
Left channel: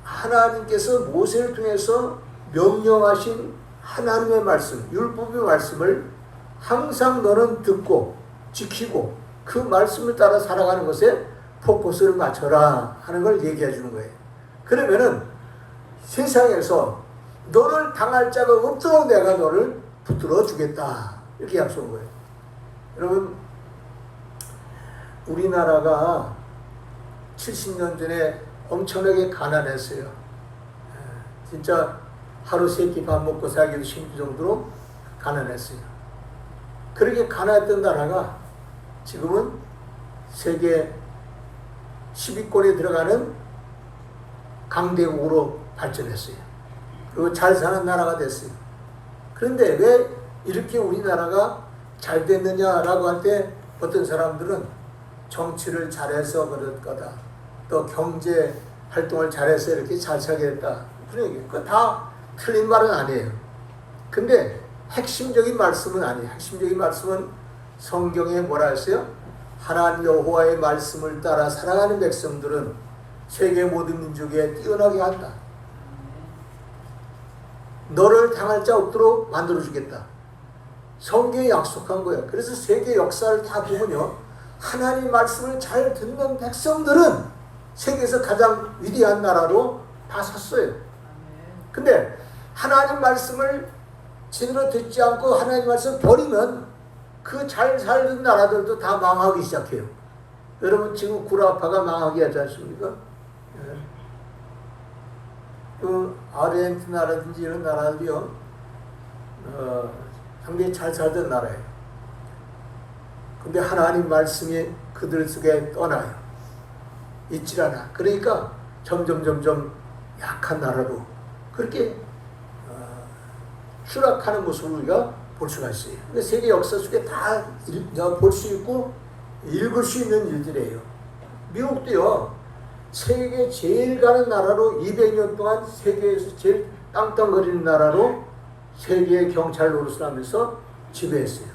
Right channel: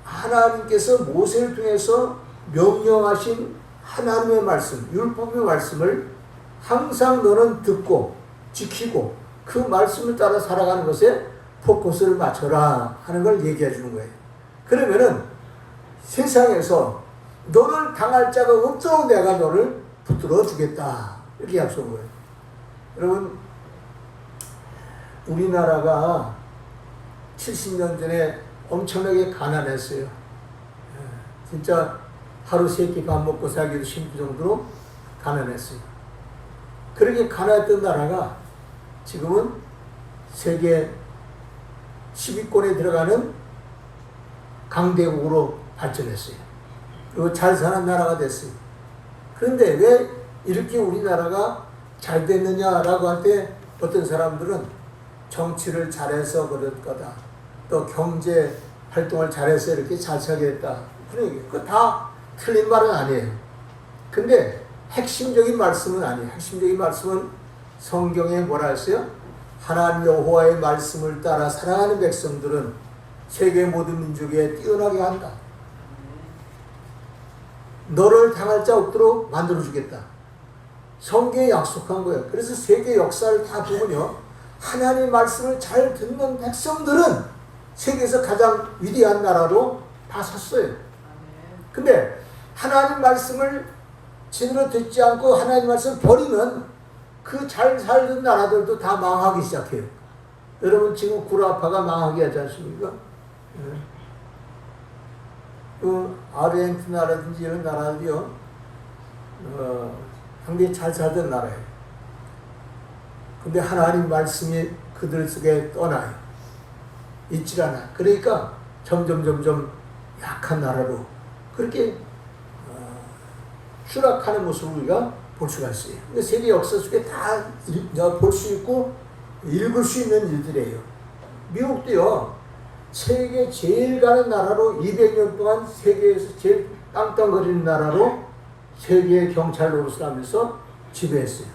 하나님께서 모세를 통해서 명령하신 하나님의 말씀, 율법의 말씀을 항상 너는 듣고 지키고 그 말씀을 따라 살아가는 것에 포커스를 맞춰라 하는 걸 얘기해 주는 거예요. 그러면은 세상에서 너를 당할 자가 없도록 내가 너를 붙들어 주겠다 이렇게 약속한 거예요. 여러분, 우리나라가 70년 전에 엄청나게 가난했어요. 진짜 하루 세 끼 밥 먹고 살기도 힘들 정도로 가난했어요. 그렇게 가난했던 나라가 지금은 세계 10위권에 들어가는 강대국으로 발전했어요. 그리고 잘 사는 나라가 됐어요. 그런데 왜 이렇게 우리나라가 잘 됐느냐라고 할 때 어떤 사람들은 정치를 잘해서 그럴 거다. 또 경제 활동을 잘해서 이렇게 잘 살게 됐다. 그거 다 틀린 말은 아니에요. 근데 핵심적인 말씀은 아니에요. 핵심적인 말씀은 성경에 뭐라 했어요? 하나님 여호와의 말씀을 따라 살아가는 백성들은 세계 모든 민족에 뛰어나게 한다. 너를 당할 자 없도록 만들어주겠다. 성경에 약속한 거예요. 그래서 세계 역사를 다 보면요, 하나님의 말씀을 잘 듣는 백성들은 세계에서 가장 위대한 나라로 다 섰어요. 근데 하나님 말씀을 제대로 듣지 않고 하나님 말씀을 버리면 그 잘 살던 나라들도 다 망하기 시작해요. 여러분, 지금 구라파가 망하게 하지 않습니까? 그 아르헨티나라든지 이런 나라들이요, 상당히 잘 살던 나라예요. 근데 하나님 말씀이 그들 속에 떠나요. 있질 않아. 그러니까 점점 약한 나라로 그렇게 추락하는 모습을 우리가 볼 수가 있어요. 근데 세계 역사 속에 다 볼 수 있고 읽을 수 있는 일들이에요. 미국도요, 세계 제일 가는 나라로 200년 동안 세계에서 제일 땅땅거리는 나라로 세계 경찰 노릇을 하면서 지배했어요.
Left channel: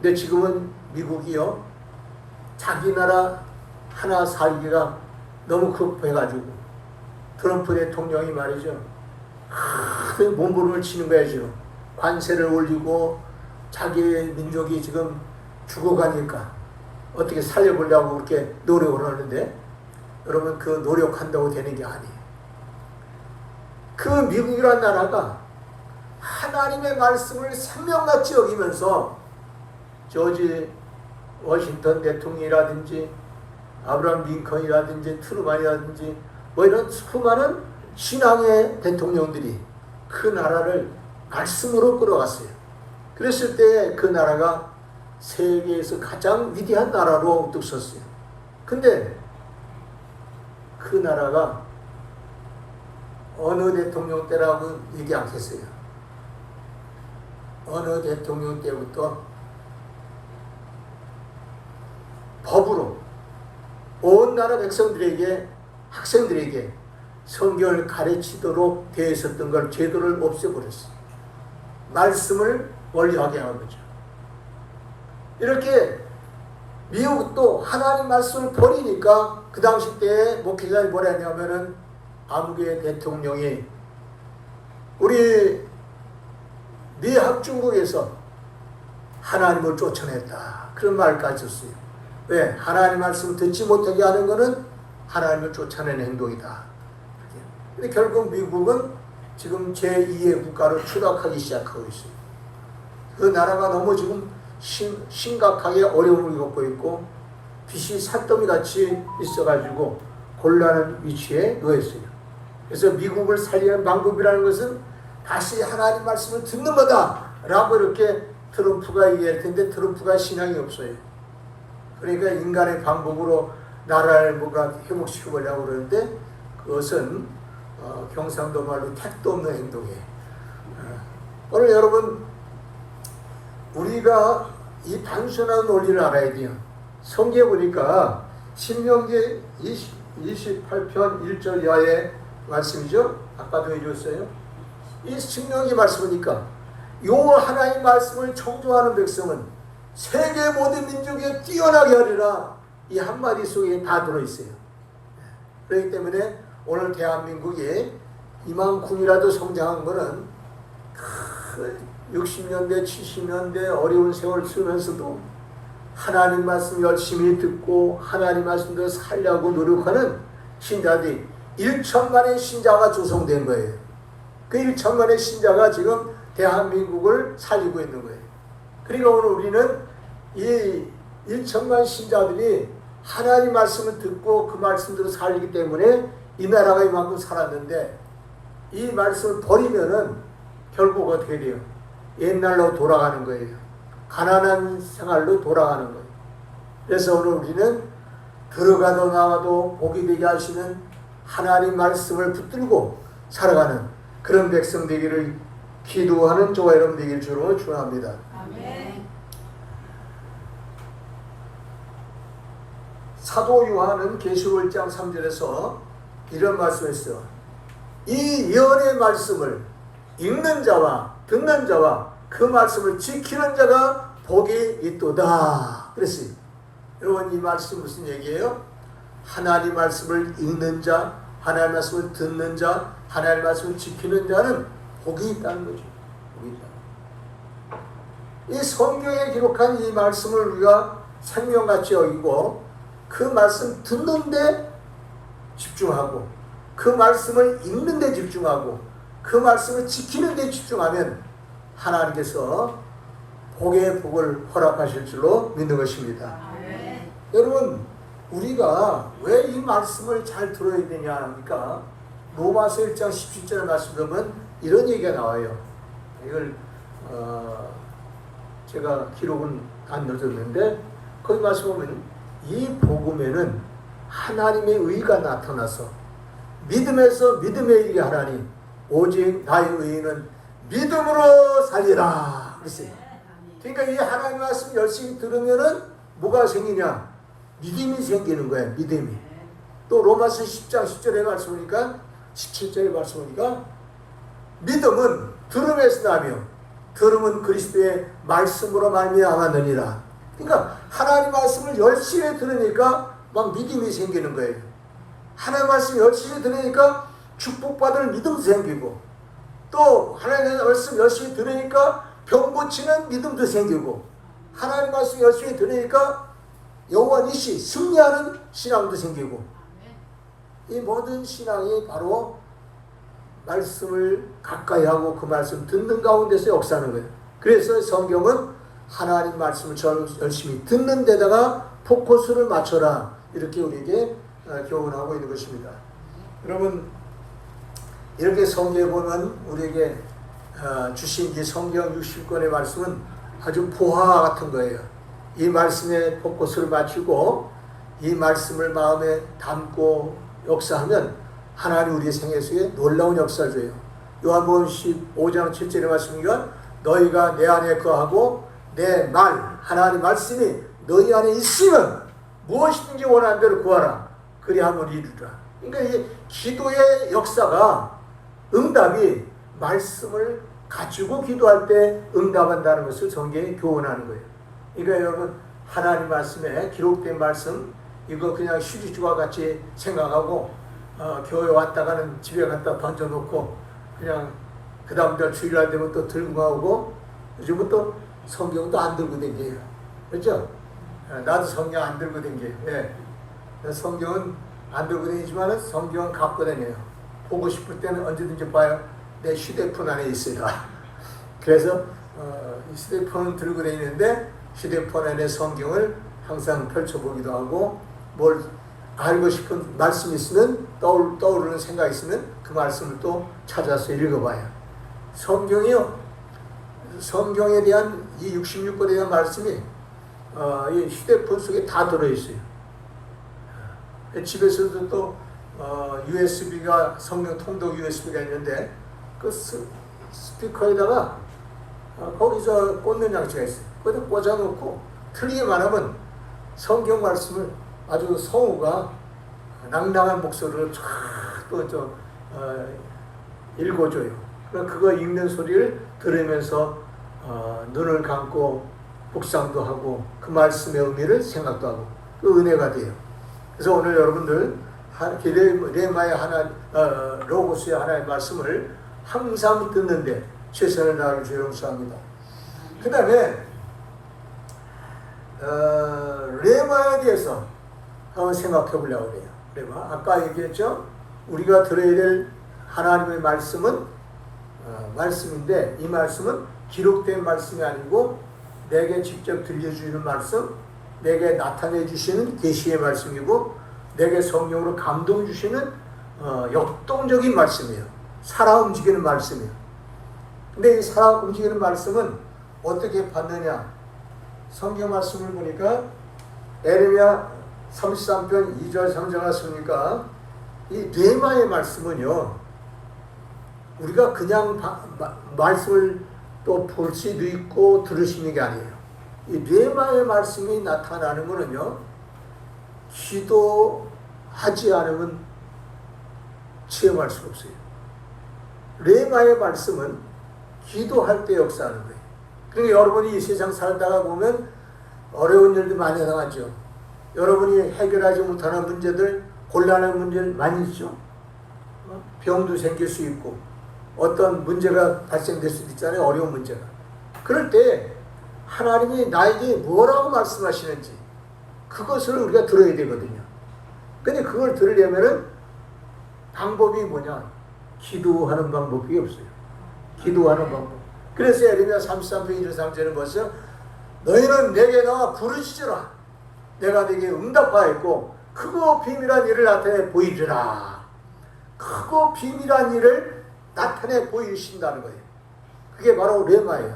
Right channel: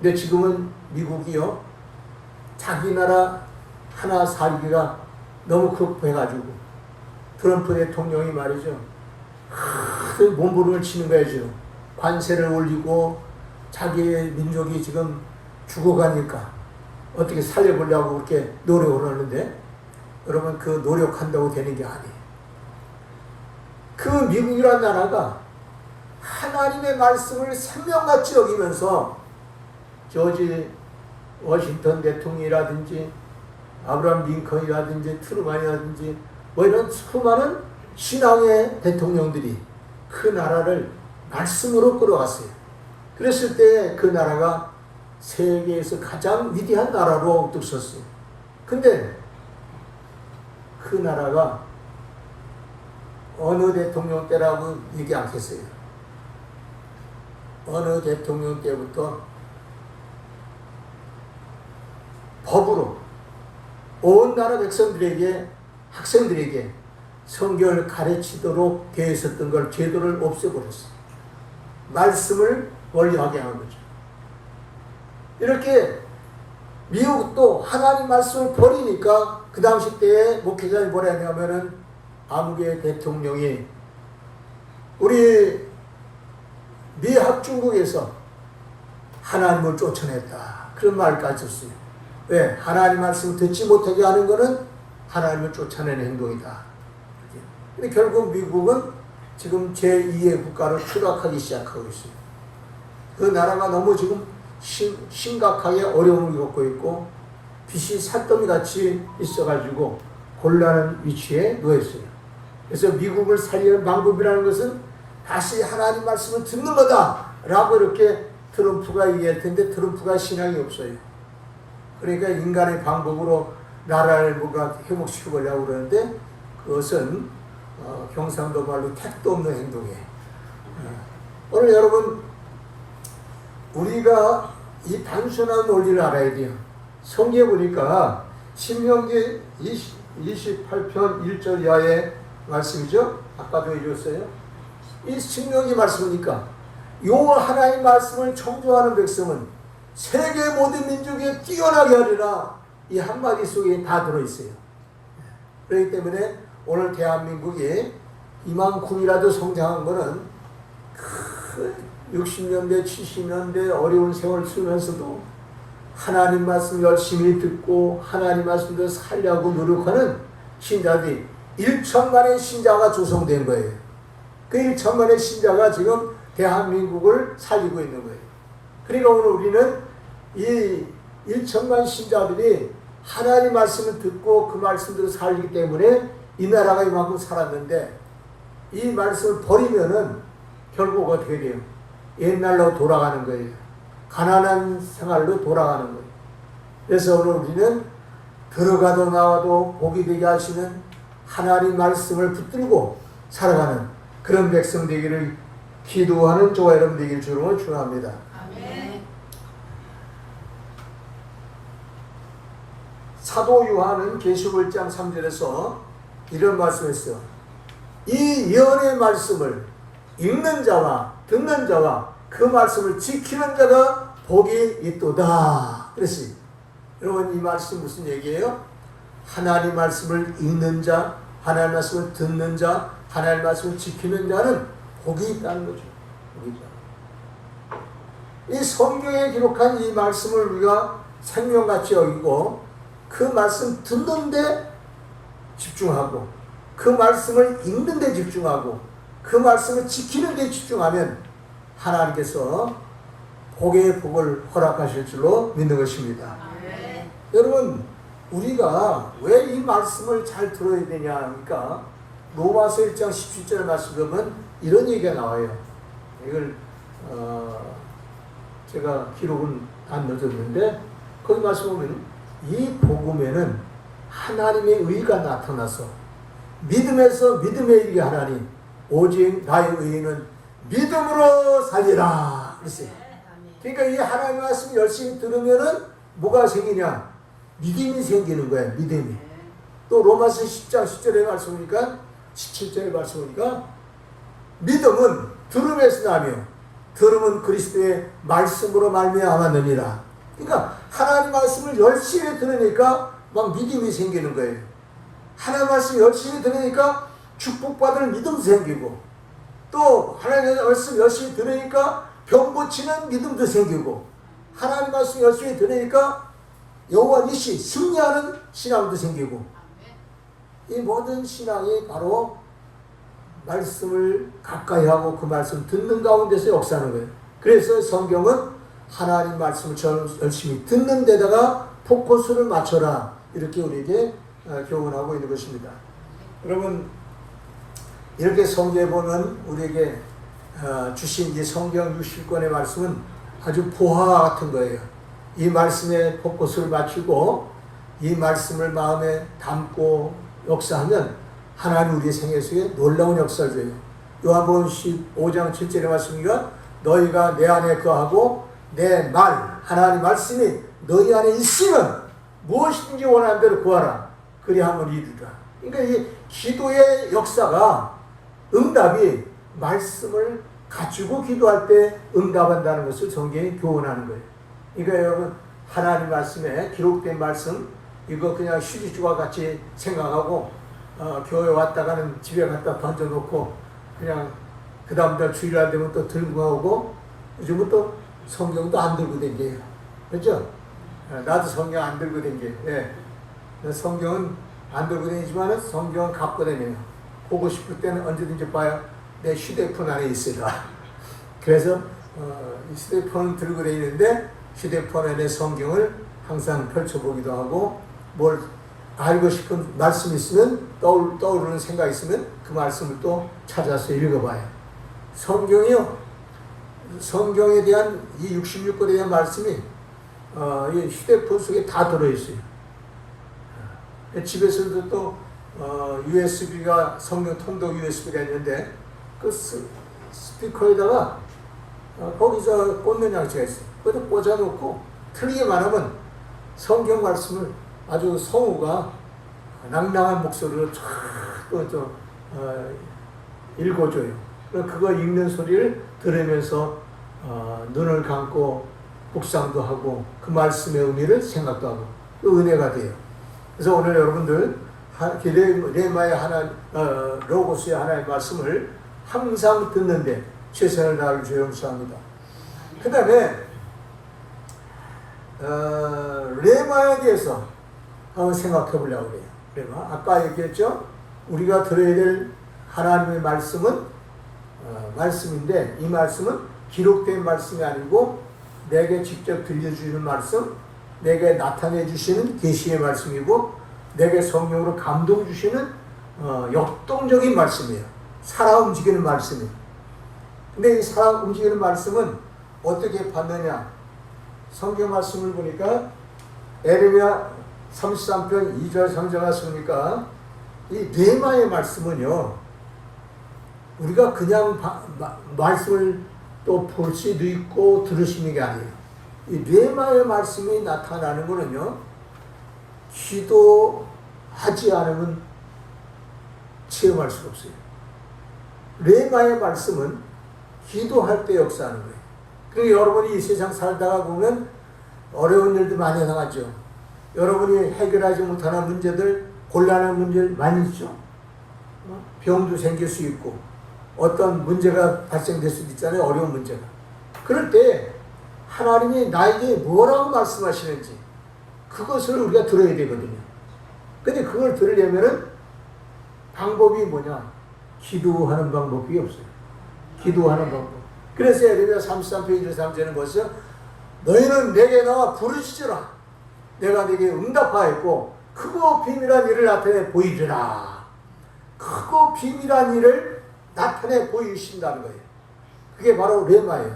근데 지금은 미국이요, 자기 나라 하나 살기가 너무 급해가지고 트럼프 대통령이 말이죠, 몸부림을 치는 거예요. 지금 관세를 올리고 자기 민족이 지금 죽어가니까 어떻게 살려보려고 그렇게 노력을 하는데, 여러분, 그 노력한다고 되는 게 아니에요. 그 미국이라는 나라가 하나님의 말씀을 생명같이 여기면서 조지 워싱턴 대통령이라든지 아브라함 링컨이라든지 트루만이라든지 뭐 이런 수많은 신앙의 대통령들이 그 나라를 말씀으로 끌어갔어요. 그랬을 때 그 나라가 세계에서 가장 위대한 나라로 우뚝 섰어요. 근데 그 나라가 어느 대통령 때라고 얘기 안 했어요. 어느 대통령 때부터 법으로 온 나라 백성들에게, 학생들에게 성경을 가르치도록 되어 있었던 걸 제도를 없애버렸어요. 말씀을 멀리하게 한 거죠. 이렇게 미국도 하나님 말씀을 버리니까 그 당시 때 목회자들이 뭐라 했냐면은, 아무개 대통령이 우리 미학 중국에서 하나님을 쫓아냈다, 그런 말까지 했어요. 왜? 하나님 말씀 듣지 못하게 하는 것은 하나님을 쫓아내는 행동이다. 근데 결국 미국은 지금 제2의 국가로 추락하기 시작하고 있어요. 그 나라가 너무 지금 심각하게 어려움을 겪고 있고 빛이 산더미같이 있어가지고 곤란한 위치에 놓였어요. 그래서 미국을 살리는 방법이라는 것은 다시 하나님 말씀을 듣는 거다 라고 이렇게 트럼프가 얘기할 텐데 트럼프가 신앙이 없어요. 그러니까 인간의 방법으로 나라를 뭔가 회복시켜보려고 그러는데 그것은 경상도 말로 택도 없는 행동이에요. 오늘 여러분 우리가 이 단순한 원리를 알아야 돼요. 성경에 보니까 신명기 28편 1절 이하의 말씀이죠. 아까도 해줬어요. 이 신명기 말씀이니까 요 하나님 말씀을 청종하는 백성은 세계 모든 민족에 뛰어나게 하리라 이 한마디 속에 다 들어있어요. 그렇기 때문에 오늘 대한민국이 이만큼이라도 성장한 거는 60년대 70년대 어려운 세월 쓰면서도 하나님 말씀 열심히 듣고 하나님 말씀대로 살려고 노력하는 신자들이 1천만의 신자가 조성된 거예요. 그 1천만의 신자가 지금 대한민국을 살리고 있는 거예요. 그러니까 오늘 우리는 이 1천만 신자들이 하나님 말씀을 듣고 그 말씀대로 살기 때문에 이 나라가 이만큼 살았는데 이 말씀을 버리면은 결국 어떻게 돼요? 옛날로 돌아가는 거예요. 가난한 생활로 돌아가는 거예요. 그래서 오늘 우리는 들어가도 나와도 복이 되게 하시는 하나님 말씀을 붙들고 살아가는 그런 백성 되기를 기도하는 저와 여러분 되기를 주로 축원합니다. 아멘. 사도 요한은 계시록 1장 3절에서 이런 말씀을 했어요. 이 예언의 말씀을 읽는 자와 듣는 자와 그 말씀을 지키는 자가 복이 있도다. 그랬어요. 여러분 이 말씀 무슨 얘기예요? 하나님 말씀을 읽는 자, 하나님 말씀을 듣는 자, 하나님 말씀을 지키는 자는 복이 있다는 거죠. 복이 있다. 이 성경에 기록한 이 말씀을 우리가 생명같이 여기고 그 말씀 듣는데 집중하고 그 말씀을 읽는 데 집중하고 그 말씀을 지키는 데 집중하면 하나님께서 복의 복을 허락하실 줄로 믿는 것입니다. 아멘. 여러분 우리가 왜 이 말씀을 잘 들어야 되냐 하니까 로마서 1장 17절 말씀 보면 이런 얘기가 나와요. 이걸 제가 기록은 안 넣어줬는데 거기 말씀 보면 이 복음에는 하나님의 의가 나타나서 믿음에서 믿음에 이르게 하나니 오직 나의 의는 믿음으로 살리라 그랬어요. 그러니까 이 하나님 말씀 열심히 들으면은 뭐가 생기냐? 믿음이 생기는 거야. 믿음이. 또 로마서 10장 10절에 말씀이니까 17절에 말씀이니까 믿음은 들음에서 나며 들음은 그리스도의 말씀으로 말미암았느니라. 그러니까 하나님 말씀을 열심히 들으니까 막 믿음이 생기는 거예요. 하나님 말씀 열심히 들으니까 축복받을 믿음도 생기고 또 하나님의 말씀 열심히 들으니까 병 고치는 믿음도 생기고 하나님 말씀 열심히 들으니까 영원히 승리하는 신앙도 생기고 이 모든 신앙이 바로 말씀을 가까이 하고 그 말씀 듣는 가운데서 역사하는 거예요. 그래서 성경은 하나님 말씀을 열심히 듣는 데다가 포커스를 맞춰라 이렇게 우리에게 교훈하고 있는 것입니다. 여러분 이렇게 성경에 보면 우리에게 주신 이 성경 60권의 말씀은 아주 보화 같은 거예요. 이 말씀에 포커스를 맞추고 이 말씀을 마음에 담고 역사하면 하나님 우리의 생애 속에 놀라운 역사를 줘요. 요한복음 15장 7절의 말씀이가 너희가 내 안에 거하고 내 말 하나님 말씀이 너희 안에 있으면 무엇이든지 원하는 대로 구하라 그리하면 이루리라. 그러니까 이 기도의 역사가 응답이 말씀을 갖추고 기도할 때 응답한다는 것을 성경이 교훈하는 거예요. 그러니까 여러분 하나님 말씀에 기록된 말씀 이거 그냥 휴지주와 같이 생각하고 교회 왔다가는 집에 갖다 던져놓고 그냥 그 다음날 주일날 되면 또 들고 나오고 요즘은 또 성경도 안 들고 다녀요. 그렇죠? 나도 성경 안 들고 다녀요. 네. 성경은 안 들고 다니지만 성경은 갖고 다녀요. 보고 싶을 때는 언제든지 봐요. 내 휴대폰 안에 있어요. 그래서 이 휴대폰을 들고 다니는데 휴대폰 안에 성경을 항상 펼쳐보기도 하고 뭘 알고 싶은 말씀이 있으면 떠오르는 생각이 있으면 그 말씀을 또 찾아서 읽어봐요. 성경에 대한 이 66권에 대한 말씀이 이 휴대폰 속에 다 들어있어요. 집에서도 또 USB가 성경 통독 USB가 있는데 그 스피커에다가 거기서 꽂는 장치가 있어요. 거기다 꽂아놓고 틀리게 말하면 성경 말씀을 아주 성우가 낭낭한 목소리로 쫙 읽어줘요. 그거 읽는 소리를 들으면서 눈을 감고 묵상도 하고 그 말씀의 의미를 생각도 하고 그 은혜가 돼요. 그래서 오늘 여러분들 레마의 로고스의 하나의 말씀을 항상 듣는데 최선을 다할 줄 용서합니다. 그 다음에 레마에 대해서 생각해 보려고 해요. 레마. 아까 얘기했죠? 우리가 들어야 될 하나님의 말씀은 말씀인데 이 말씀은 기록된 말씀이 아니고 내게 직접 들려주시는 말씀, 내게 나타내 주시는 계시의 말씀이고 내게 성령으로 감동 주시는 역동적인 말씀이에요. 살아 움직이는 말씀이에요. 근데 이 살아 움직이는 말씀은 어떻게 받느냐? 성경 말씀을 보니까 에레미야 33편 2절 3절 말씀이니까 이 레마의 말씀은요 우리가 그냥 말씀을 또 볼 수도 있고 들을 수 있는 게 아니에요. 이 레마의 말씀이 나타나는 거는요 기도하지 않으면 체험할 수가 없어요. 레마의 말씀은 기도할 때 역사하는 거예요. 그러니까 여러분이 이 세상 살다가 보면 어려운 일도 많이 당하죠. 여러분이 해결하지 못하는 문제들, 곤란한 문제들 많이 있죠. 병도 생길 수 있고 어떤 문제가 발생될 수도 있잖아요. 어려운 문제가. 그럴 때 하나님이 나에게 뭐라고 말씀하시는지 그것을 우리가 들어야 되거든요. 근데 그걸 들으려면은 방법이 뭐냐? 기도하는 방법이 없어요. 기도하는 방법. 그래서 에레미야 33편 1-3절은 벌써 너희는 내게 나와 부르짖으라. 내가 네게 응답하였고 크고 비밀한 일을 나타내 보이리라. 크고 비밀한 일을 나타내 보이신다는 거예요. 그게 바로 레마예요.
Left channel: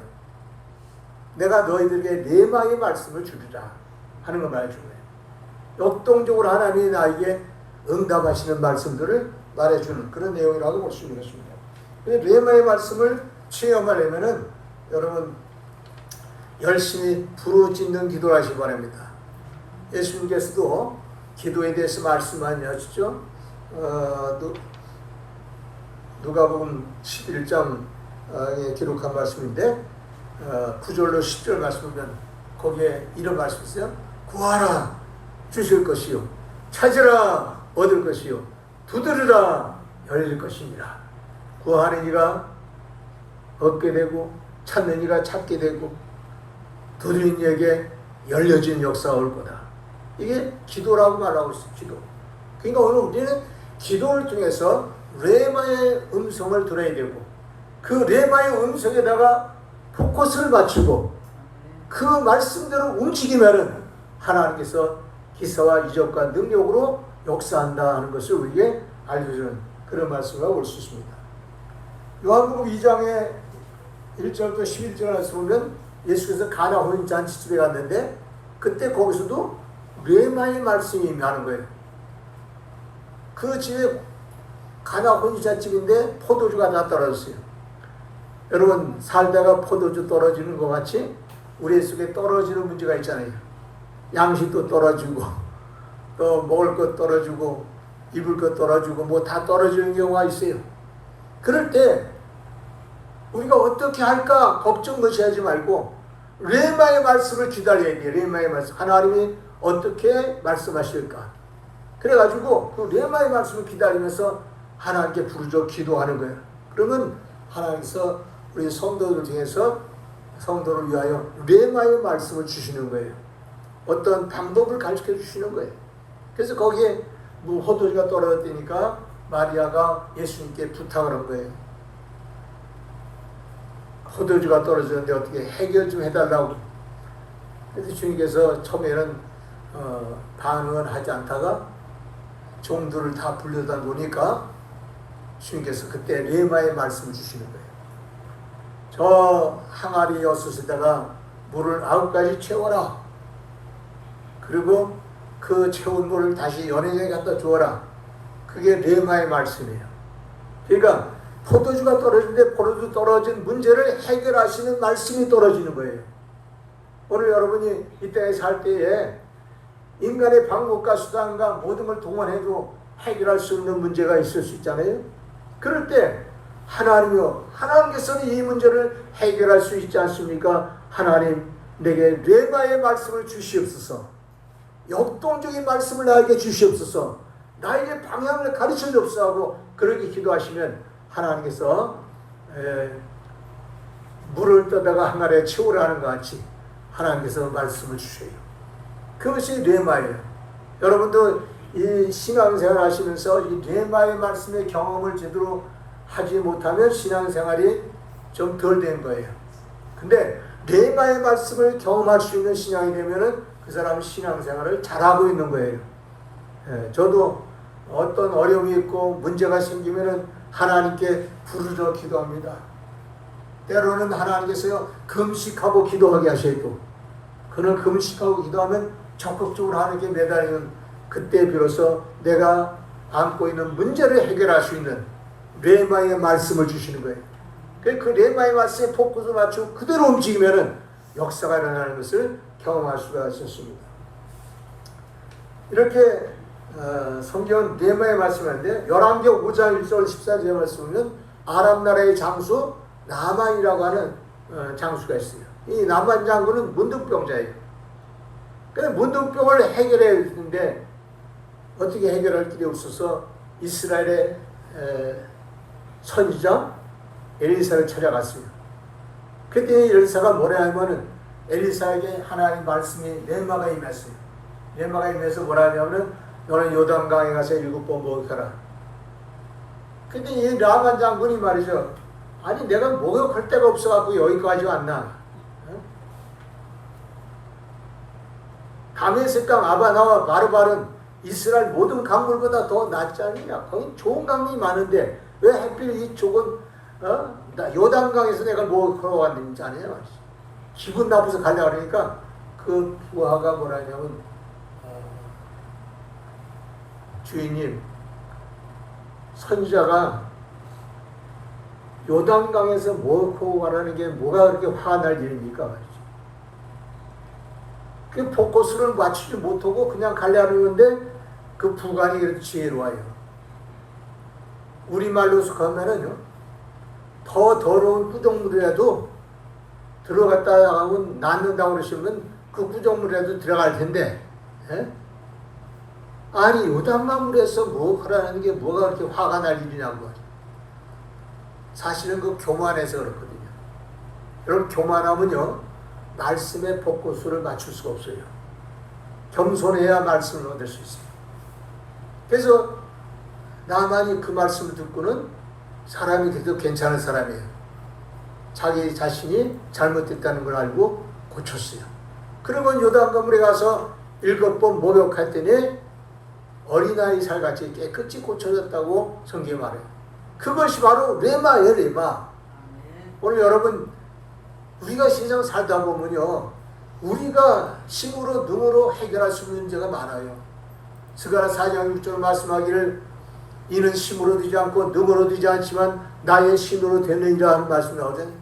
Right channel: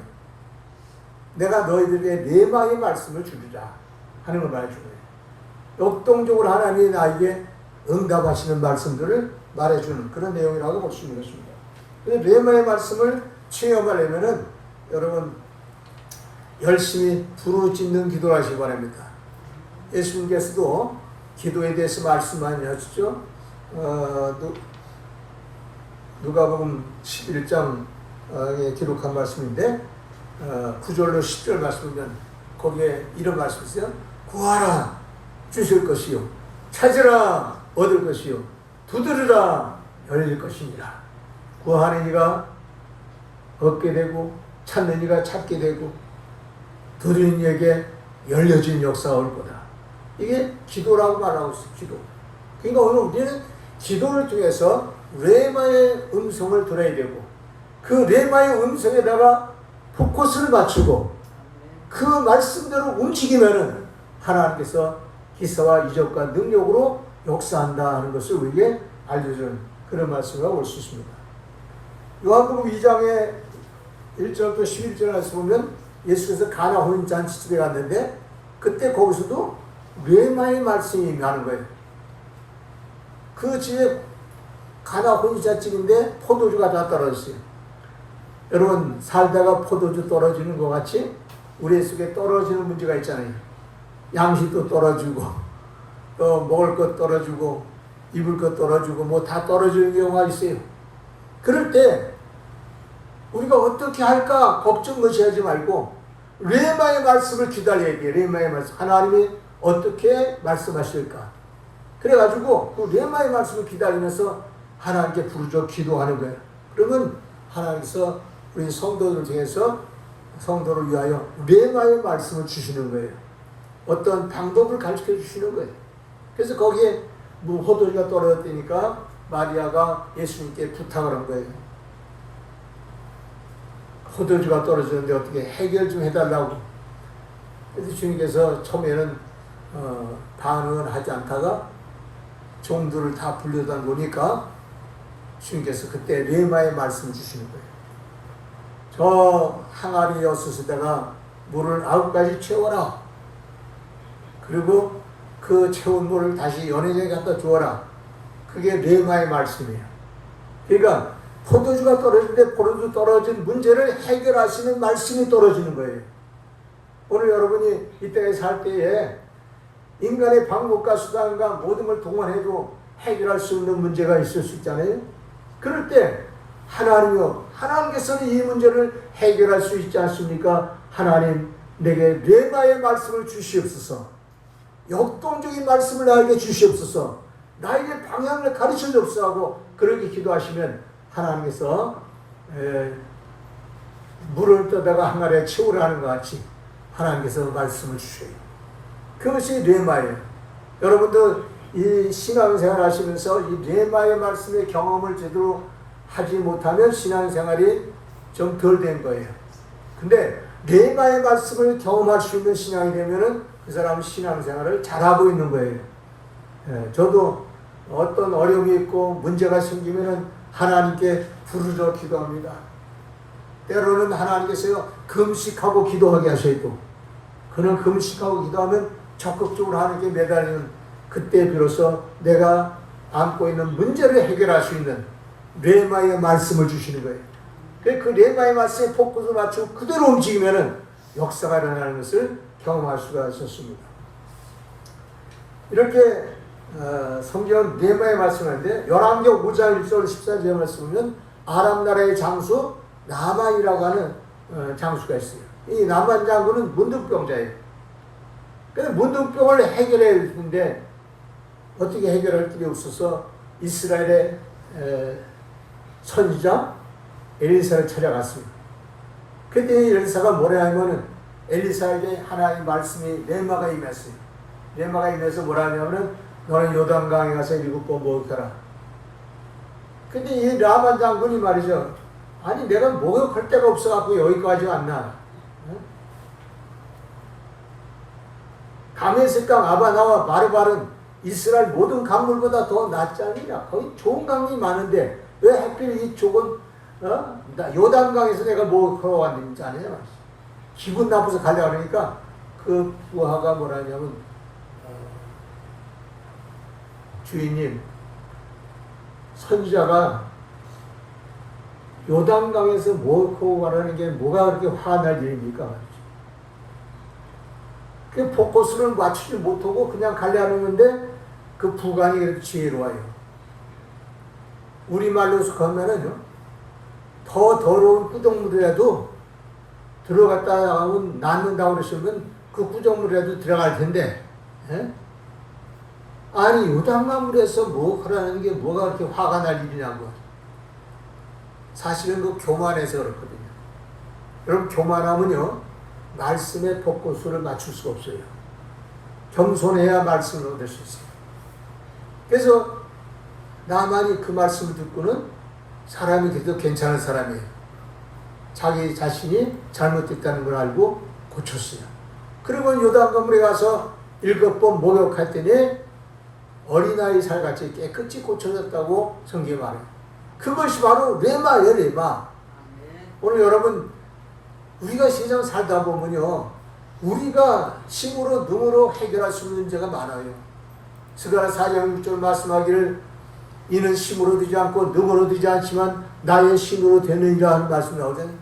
내가 너희들에게 레마의 말씀을 주리라 하는 걸 말해주는 거예요. 역동적으로 하나님이 나에게 응답하시는 말씀들을 말해주는 그런 내용이라고 볼 수 있는 것입니다. 그런데 레마의 말씀을 체험하려면은 여러분 열심히 부르짖는 기도를 하시기 바랍니다. 예수님께서도 기도에 대해서 말씀하셨죠. 누가복음 11장에 기록한 말씀인데 9절로 10절 말씀이면 거기에 이런 말씀이 있어요. 구하라 주실 것이요 찾으라 얻을 것이요 두드리라 열릴 것입니다. 구하는 이가 얻게 되고 찾는 이가 찾게 되고 두드리는 이에게 열려진 역사가 올 거다. 이게 기도라고 말하고 있어요. 기도. 그러니까 오늘 우리는 기도를 통해서 레마의 음성을 들어야 되고 그 레마의 음성에다가 포커스를 맞추고 그 말씀대로 움직이면은 하나님께서 기사와 이적과 능력으로 역사한다 하는 것을 우리에게 알려주는 그런 말씀을 올 수 있습니다. 요한복음 2장의 1절부터 11절에서 보면 예수께서 가나 혼인잔치집에 갔는데 그때 거기서도 레마의 말씀이 임하는 거예요. 그 집에 가나 혼인잔치집인데 포도주가 다 떨어졌어요. 여러분 살다가 포도주 떨어지는 것 같이 우리 속에 떨어지는 문제가 있잖아요. 양식도 떨어지고 또 먹을 것 떨어지고 입을 것 떨어지고 뭐 다 떨어지는 경우가 있어요. 그럴 때 우리가 어떻게 할까 걱정 것이하지 말고 레마의 말씀을 기다려야 돼요. 레마의 말씀. 하나님이 어떻게 말씀하실까. 그래가지고 그 레마의 말씀을 기다리면서 하나님께 부르짖어 기도하는 거예요. 그러면 하나님께서 우리 성도들 중에서 성도를 위하여 레마의 말씀을 주시는 거예요. 어떤 방법을 가르쳐 주시는 거예요. 그래서 거기에 뭐 포도주가 떨어졌다니까 마리아가 예수님께 부탁을 한 거예요. 포도주가 떨어졌는데 어떻게 해결 좀 해달라고. 그래서 주님께서 처음에는 반응을 하지 않다가 종들을 다 불러다 보니까 주님께서 그때 레마의 말씀을 주시는 거예요. 저 항아리 여섯에다가 물을 9가지 채워라. 그리고 그 채운 물을 다시 연회장에 갖다 주어라. 그게 레마의 말씀이에요. 그러니까 포도주가 떨어지는데 포도주 떨어진 문제를 해결하시는 말씀이 떨어지는 거예요. 오늘 여러분이 이 땅에 살 때에 인간의 방법과 수단과 모든 걸 동원해도 해결할 수 없는 문제가 있을 수 있잖아요. 그럴 때 하나님께서는 이 문제를 해결할 수 있지 않습니까? 하나님 내게 레마의 말씀을 주시옵소서. 역동적인 말씀을 나에게 주시옵소서. 나에게 방향을 가르쳐 주옵소서 하고 그렇게 기도하시면 하나님께서 물을 떠다가 항아리에 채우라는 것 같이 하나님께서 말씀을 주셔요. 그것이 레마예요. 여러분도 이 신앙생활 하시면서 이 레마의 말씀의 경험을 제대로 하지 못하면 신앙생활이 좀 덜 된 거예요. 근데 레마의 말씀을 경험할 수 있는 신앙이 되면은 그 사람은 신앙생활을 잘하고 있는 거예요. 저도 어떤 어려움이 있고 문제가 생기면은 하나님께 부르짖어 기도합니다. 때로는 하나님께서 금식하고 기도하게 하셔도 그는 금식하고 기도하면 적극적으로 하나님께 매달리는 그때 비로소 내가 안고 있는 문제를 해결할 수 있는 레마의 말씀을 주시는 거예요. 그 레마의 말씀에 포커스를 맞추고 그대로 움직이면은 역사가 일어나는 것을 경험할 수가 있었습니다. 이렇게 성경은 레마의 말씀인데 열왕기하 5장 1절 14절에 말씀하면 아람 나라의 장수 나만이라고 하는 장수가 있어요. 이 나만 장군은 문둥병자예요. 그래서 문둥병을 해결해야 되는데 어떻게 해결할 길이 없어서 이스라엘의 선지자 엘리사를 찾아갔습니다. 그때 엘리사가 뭐라 하면은 엘리사에게 하나님의 말씀이 레마가 임했어요. 레마가 임해서 뭐라 하냐면은 너는 요단강에 가서 7번 목욕해라. 근데 이 나만 장군이 말이죠. 아니 내가 목욕할 데가 없어갖고 여기까지 왔나. 다메섹강 아바나와 바르발은 이스라엘 모든 강물보다 더 낫지 않느냐. 거기 좋은 강물이 많은데 왜 하필 이쪽은 요단강에서 내가 목욕하러 왔는지 아니냐 말이지. 기분 나빠서 가려고 하니까 그 부하가 뭐라 하냐면 주인님 선지자가 요단강에서 목욕하고 가라는 게 뭐가 그렇게 화가 날 일입니까 말이지. 그 포커스를 맞추지 못하고 그냥 가려는데 그 부관이 그렇게 지혜로워요. 우리말로 하면은요 더 더러운 구정물이라도 들어갔다 하면 낫는다고 그러시면 그 구정물이라도 들어갈 텐데 아니 요단강물에서 목욕하라는 게 뭐가 그렇게 화가 날 일이냐고. 사실은 그 교만해서 그렇거든요. 여러분 교만하면요 말씀의 포커스를 맞출 수가 없어요. 겸손해야 말씀을 얻을 수 있어요. 그래서 나만이 그 말씀을 듣고는 사람이 그래도 괜찮은 사람이에요. 자기 자신이 잘못됐다는 걸 알고 고쳤어요. 그리고 요단강물에 가서 7번 목욕했더니 어린아이 살같이 깨끗이 고쳐졌다고 성경이 말해요. 그것이 바로 레마예요, 레마. 오늘 여러분 우리가 세상 살다 보면요 우리가 힘으로 눈으로 해결할 수 있는 문제가 많아요. 스가랴 4장 6절 말씀하기를 이는 힘으로 되지 않고 능으로 되지 않지만 나의 신으로 되느니라 하는 말씀이 나오잖아요.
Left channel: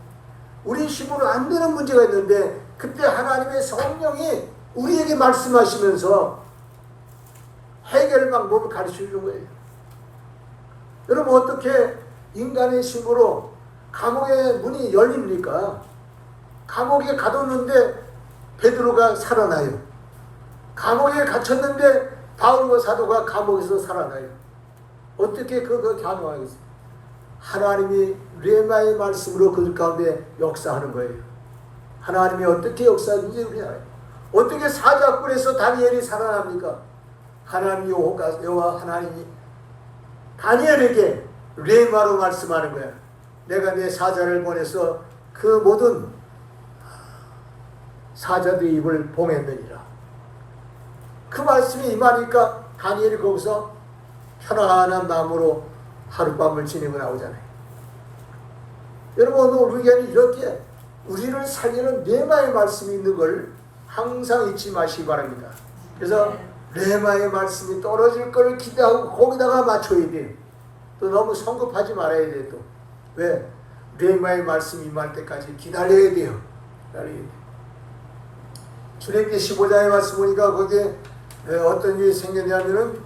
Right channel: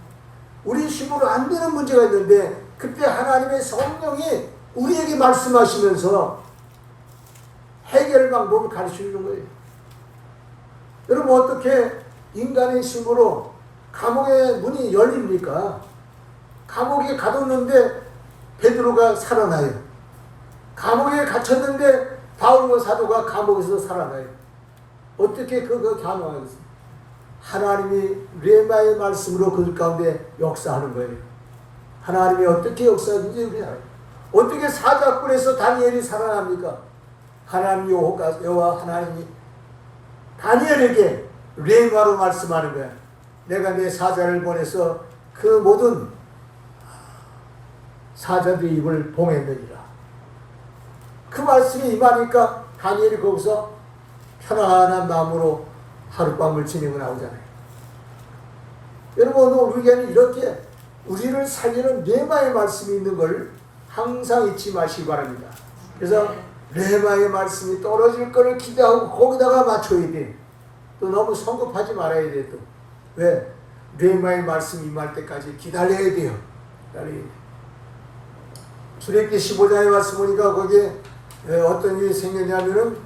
우리 힘으로 안 되는 문제가 있는데 그때 하나님의 성령이 우리에게 말씀하시면서 해결 방법을 가르쳐 주는 거예요. 여러분 어떻게 인간의 힘으로 감옥의 문이 열립니까? 감옥에 가뒀는데 베드로가 살아나요. 감옥에 갇혔는데 바울과 사도가 감옥에서 살아나요. 어떻게 그거 가능하겠습니까? 하나님이 레마의 말씀으로 그 가운데 역사하는 거예요. 하나님이 어떻게 역사하는지 우리 알아요. 어떻게 사자굴에서 다니엘이 살아납니까? 하나님 여호와 하나님이 다니엘에게 레마로 말씀하는 거예요. 내가 내 사자를 보내서 그 모든 사자들의 입을 봉했느니라. 그 말씀이 임하니까 다니엘이 거기서 편안한 마음으로 하룻밤을 지내고 나오잖아요. 여러분, 우리에게는 이렇게 우리를 살리는 레마의 말씀이 있는 걸 항상 잊지 마시기 바랍니다. 그래서 레마의 말씀이 떨어질 걸 기대하고 거기다가 맞춰야 돼. 또 너무 성급하지 말아야 돼. 또 왜? 레마의 말씀이 임할 때까지 기다려야 돼요. 출애굽기 15장에 말씀 보니까 거기에 어떤 일이 생겼냐면은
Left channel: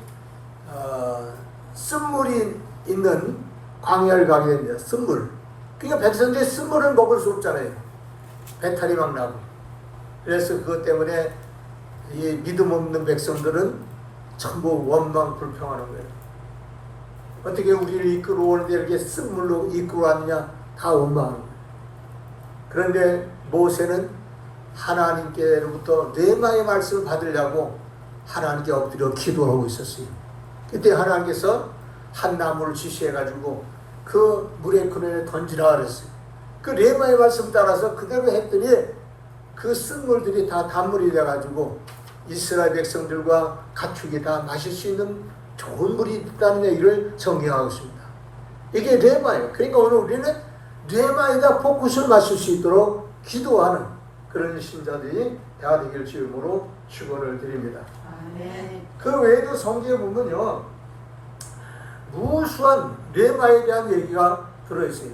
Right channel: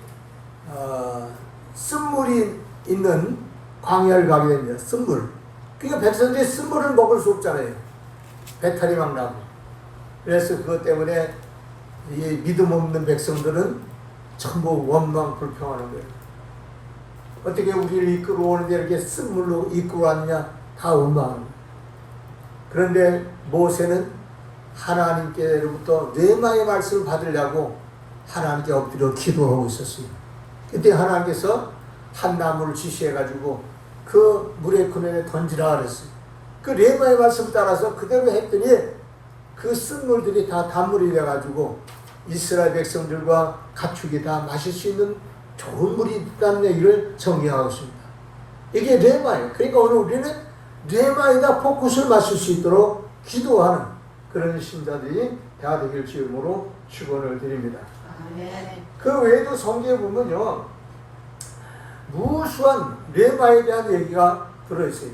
쓴물이 있는 광야를 가게 됩니다. 쓴물. 그러니까 백성들이 쓴물을 먹을 수 없잖아요. 배탈이 막 나고. 그래서 그것 때문에 이 믿음 없는 백성들은 전부 원망 불평하는 거예요. 어떻게 우리를 이끌어오는데 이렇게 쓴물로 이끌어왔냐? 다 원망하는 거예요. 그런데 모세는 하나님께로부터 레마의 말씀을 받으려고 하나님께 엎드려 기도하고 있었어요. 그때 하나님께서 한 나무를 지시해가지고 그 물의 그늘에 던지라 그랬어요. 그 레마의 말씀 따라서 그대로 했더니 그 쓴물들이 다 단물이 돼가지고 이스라엘 백성들과 가축이 다 마실 수 있는 좋은 물이 있다는 얘기를 정리하고 있습니다. 이게 레마예요. 그러니까 오늘 우리는 레마에다 포커스를 맞출 수 있도록 기도하는 그런 신자들이 다 되길 주임으로 축원을 드립니다. 그 외에도 성경에 보면요, 무수한 레마에 대한 얘기가 들어있어요.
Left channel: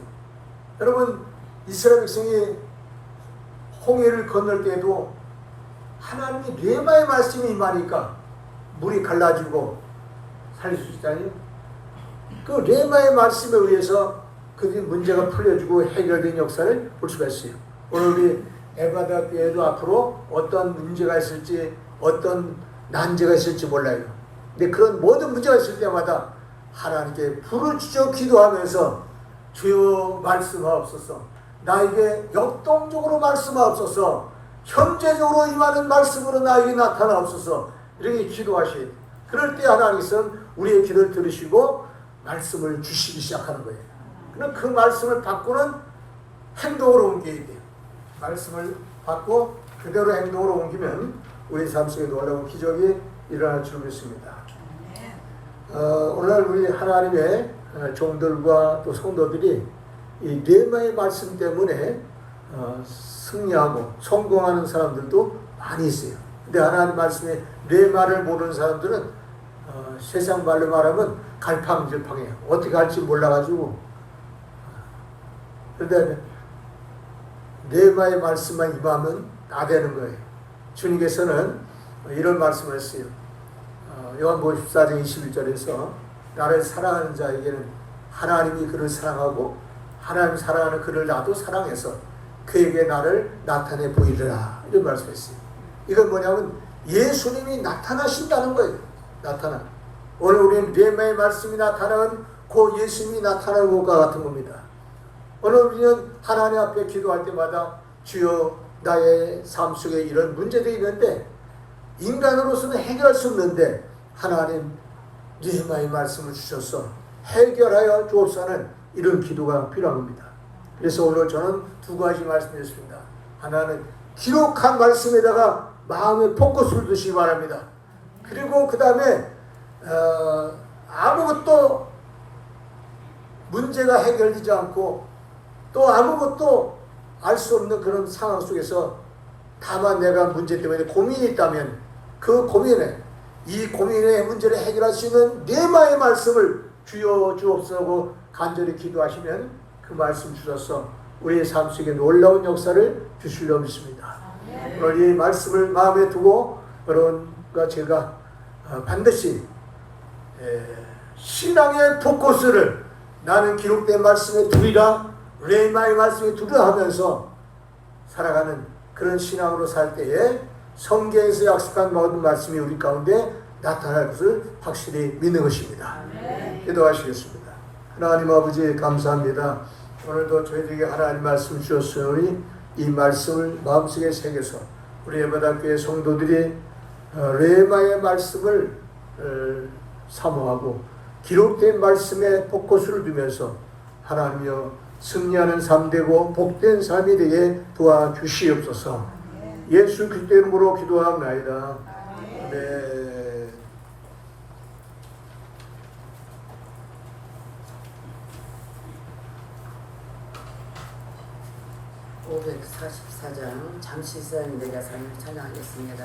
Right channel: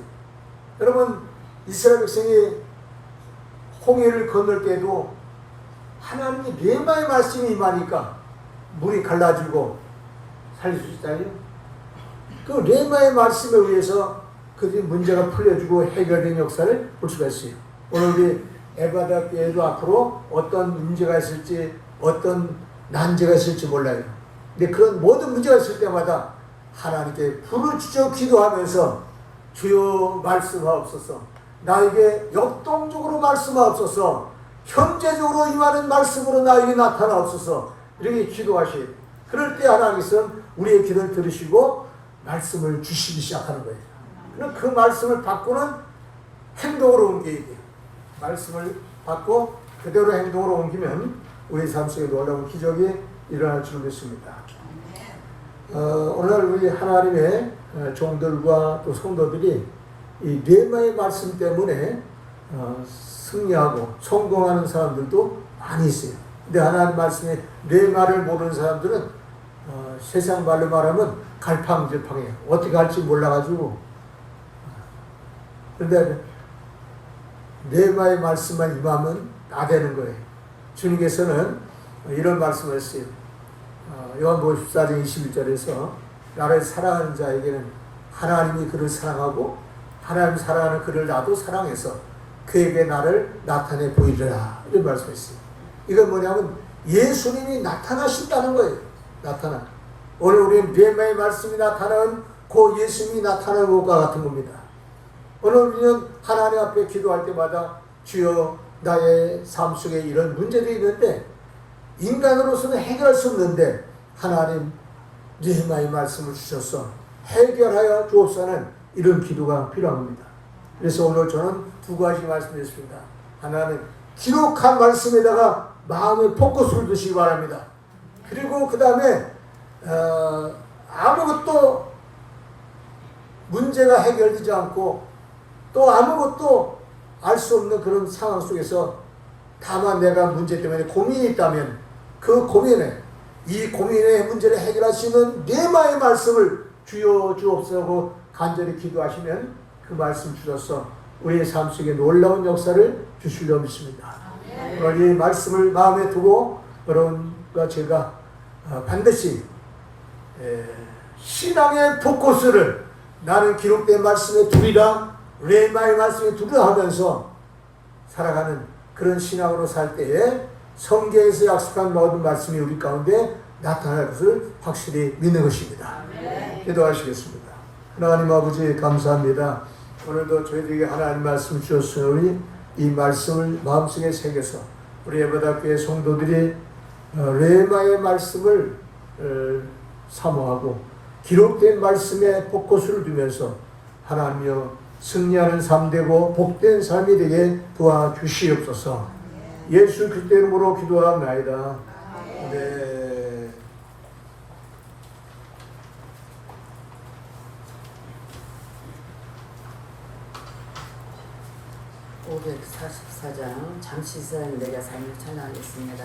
여러분, 이스라엘 백성이 홍해를 건널 때도 하나님이 레마의 말씀이 임하니까 물이 갈라지고 살릴 수 있잖아요. 그 레마의 말씀에 의해서 그들이 문제가 풀려지고 해결된 역사를 볼 수가 있어요. 오늘 우리 에바다 교회도 앞으로 어떤 문제가 있을지, 어떤 난제가 있을지 몰라요. 근데 그런 모든 문제가 있을 때마다 하나님께 부르짖어 기도하면서 주여 말씀하옵소서, 나에게 역동적으로 말씀하옵소서, 현재적으로 임하는 말씀으로 나에게 나타나옵소서, 이렇게 기도하셔야 돼요. 그럴 때 하나님께서는 우리의 기도를 들으시고 말씀을 주시기 시작하는 거예요. 그럼 그 말씀을 받고는 행동으로 옮겨야 돼요. 말씀을 받고 그대로 행동으로 옮기면 우리 삶 속에 놀라운 기적이 일어날 줄 믿습니다. 오늘 우리 하나님의 종들과 또 성도들이 이 레마의 말씀 때문에 승리하고 성공하는 사람들도 많이 있어요. 근데 하나님 말씀에 레마를 모르는 사람들은 세상 말로 말하면 갈팡질팡해요. 어떻게 할지 몰라가지고. 그런데 레마의 말씀만 임하면 다 되는 거예요. 주님께서는 이런 말씀을 했어요. 요한복음 14장 21절에서 나를 사랑하는 자에게는 하나님이 그를 사랑하고 하나님 사랑하는 그를 나도 사랑해서 그에게 나를 나타내 보이리라, 이런 말씀했어요. 이건 뭐냐면 예수님이 나타나신다는 거예요. 나타나. 오늘 우리는 레마의 말씀이 나타나는 그 예수님이 나타날 것과 같은 겁니다. 오늘 우리는 하나님 앞에 기도할 때마다 주여 나의 삶 속에 이런 문제들이 있는데 인간으로서는 해결할 수 없는데 하나님 레마의 말씀을 주셔서 해결하여 주옵소서는 이런 기도가 필요합니다. 그래서 오늘 저는 두 가지 말씀드렸습니다. 하나는 기록한 말씀에다가 마음의 포커스를 두시기 바랍니다. 그리고 그 다음에 아무것도 문제가 해결되지 않고 또 아무것도 알 수 없는 그런 상황 속에서 다만 내가 문제 때문에 고민이 있다면 그 고민에 이 고민의 문제를 해결할 수 있는 레마의 말씀을 주여 주옵소서 간절히 기도하시면 그 말씀 주셔서 우리의 삶 속에 놀라운 역사를 주시려 믿습니다. 오늘 이 말씀을 마음에 두고 여러분과 제가 반드시 신앙의 포커스를 나는 기록된 말씀에 두리라, 레마의 말씀에 두리라 하면서 살아가는 그런 신앙으로 살 때에 성경에서 약속한 모든 말씀이 우리 가운데 나타날 것을 확실히 믿는 것입니다. 기도하시겠습니다. 하나님 아버지 감사합니다. 오늘도 저희들에게 하나님 말씀 주셨으니 이 말씀을 마음속에 새겨서 우리 예배당교회 성도들이 레마의 말씀을 사모하고 기록된 말씀에 포커스를 두면서 하나님여 승리하는 삶 되고 복된 삶이 되게 도와주시옵소서. 예수 그리스도 이름으로 기도합나이다. 네. (544장) 잠시선 내가 삶을 전하겠습니다.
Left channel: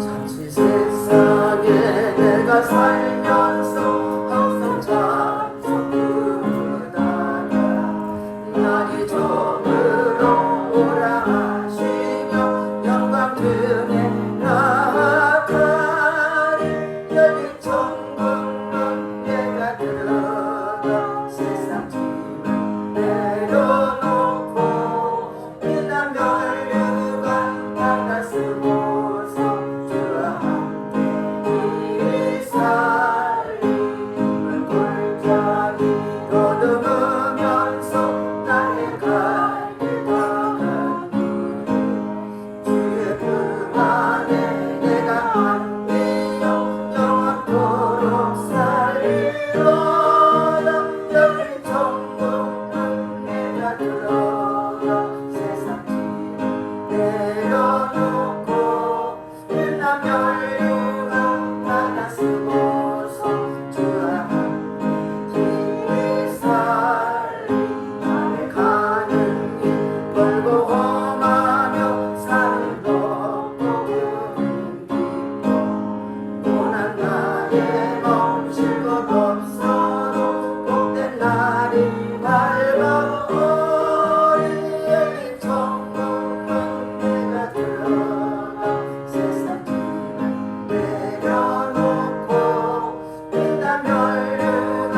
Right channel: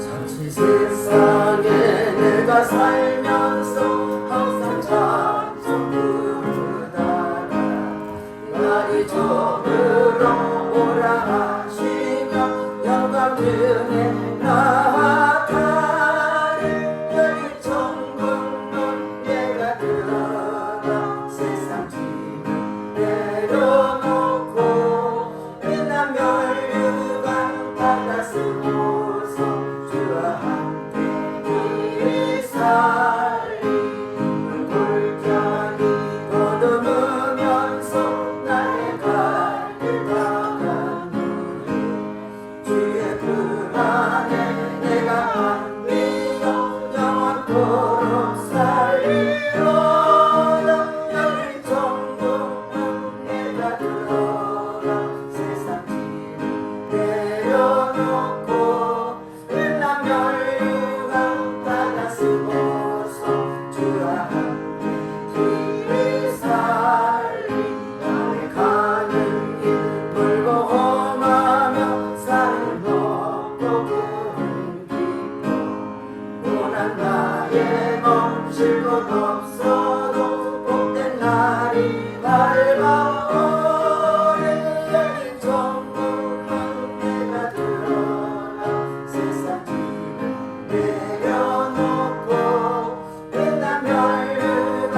잠시 세상에 내가 살면서 항상 찬송 부르다가 날이 저물어 오라 하시며 영광 등에 나가리 여기 천국문 내가 들어가 세상 짐을 내려놓고 빛난 멸류관 바다 쓰고서 주와 함께 이 살림을 돌자니 거두면서 나의 갈 길 가는 주의 품 안에 내가 안위여 영원토록 살리로다 여기 천국문 내가 들어가 세상 짐을 내려놓고 빛난 멸류관 바다 쓰고서 주와 함께 길을 살리 나의 가는 길 멀고 험하며 사는 것도 그리 깊어 고난 나의 멈출 곳 없어도 복된 날이 밝아오리 여기 천국문 내가 들어가 세상 짐을 내려놓고 빛난 멸류관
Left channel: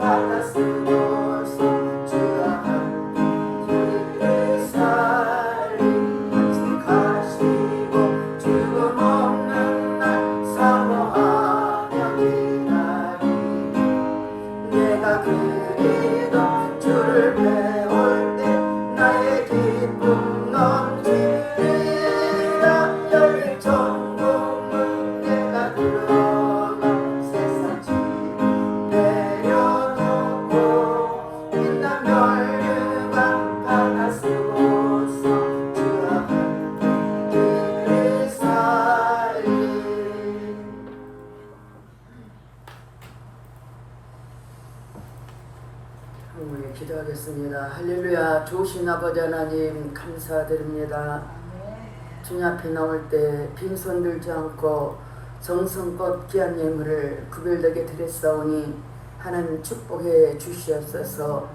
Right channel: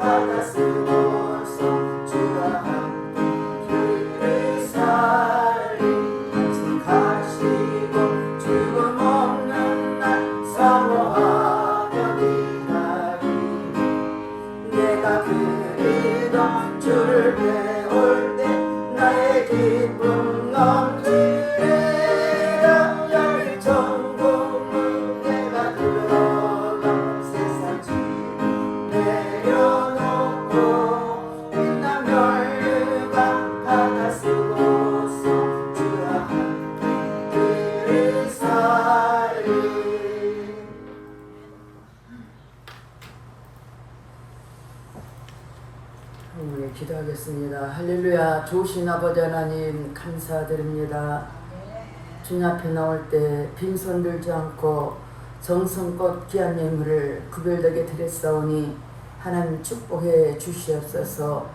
바다 쓰고서 주와 함께 길을 살리 가시고 죽음 없는 날 사모하며 기다리 내가 그리던 주를 배울 때 나의 기쁨 넘치리라 여기 천국문 내가 들어가 세상 짐을 내려놓고 빛난 멸류관 바다 쓰고서 주와 함께 길을 살리. 우리 기도하겠습니다. 할렐루야. 좋으신 아버지 하나님 감사드립니다. 주님 앞에 나올 때 빈손 들지 않고 정성껏 귀한 예물을 구별되게 드렸사오니 하나님 축복해 주시옵소서.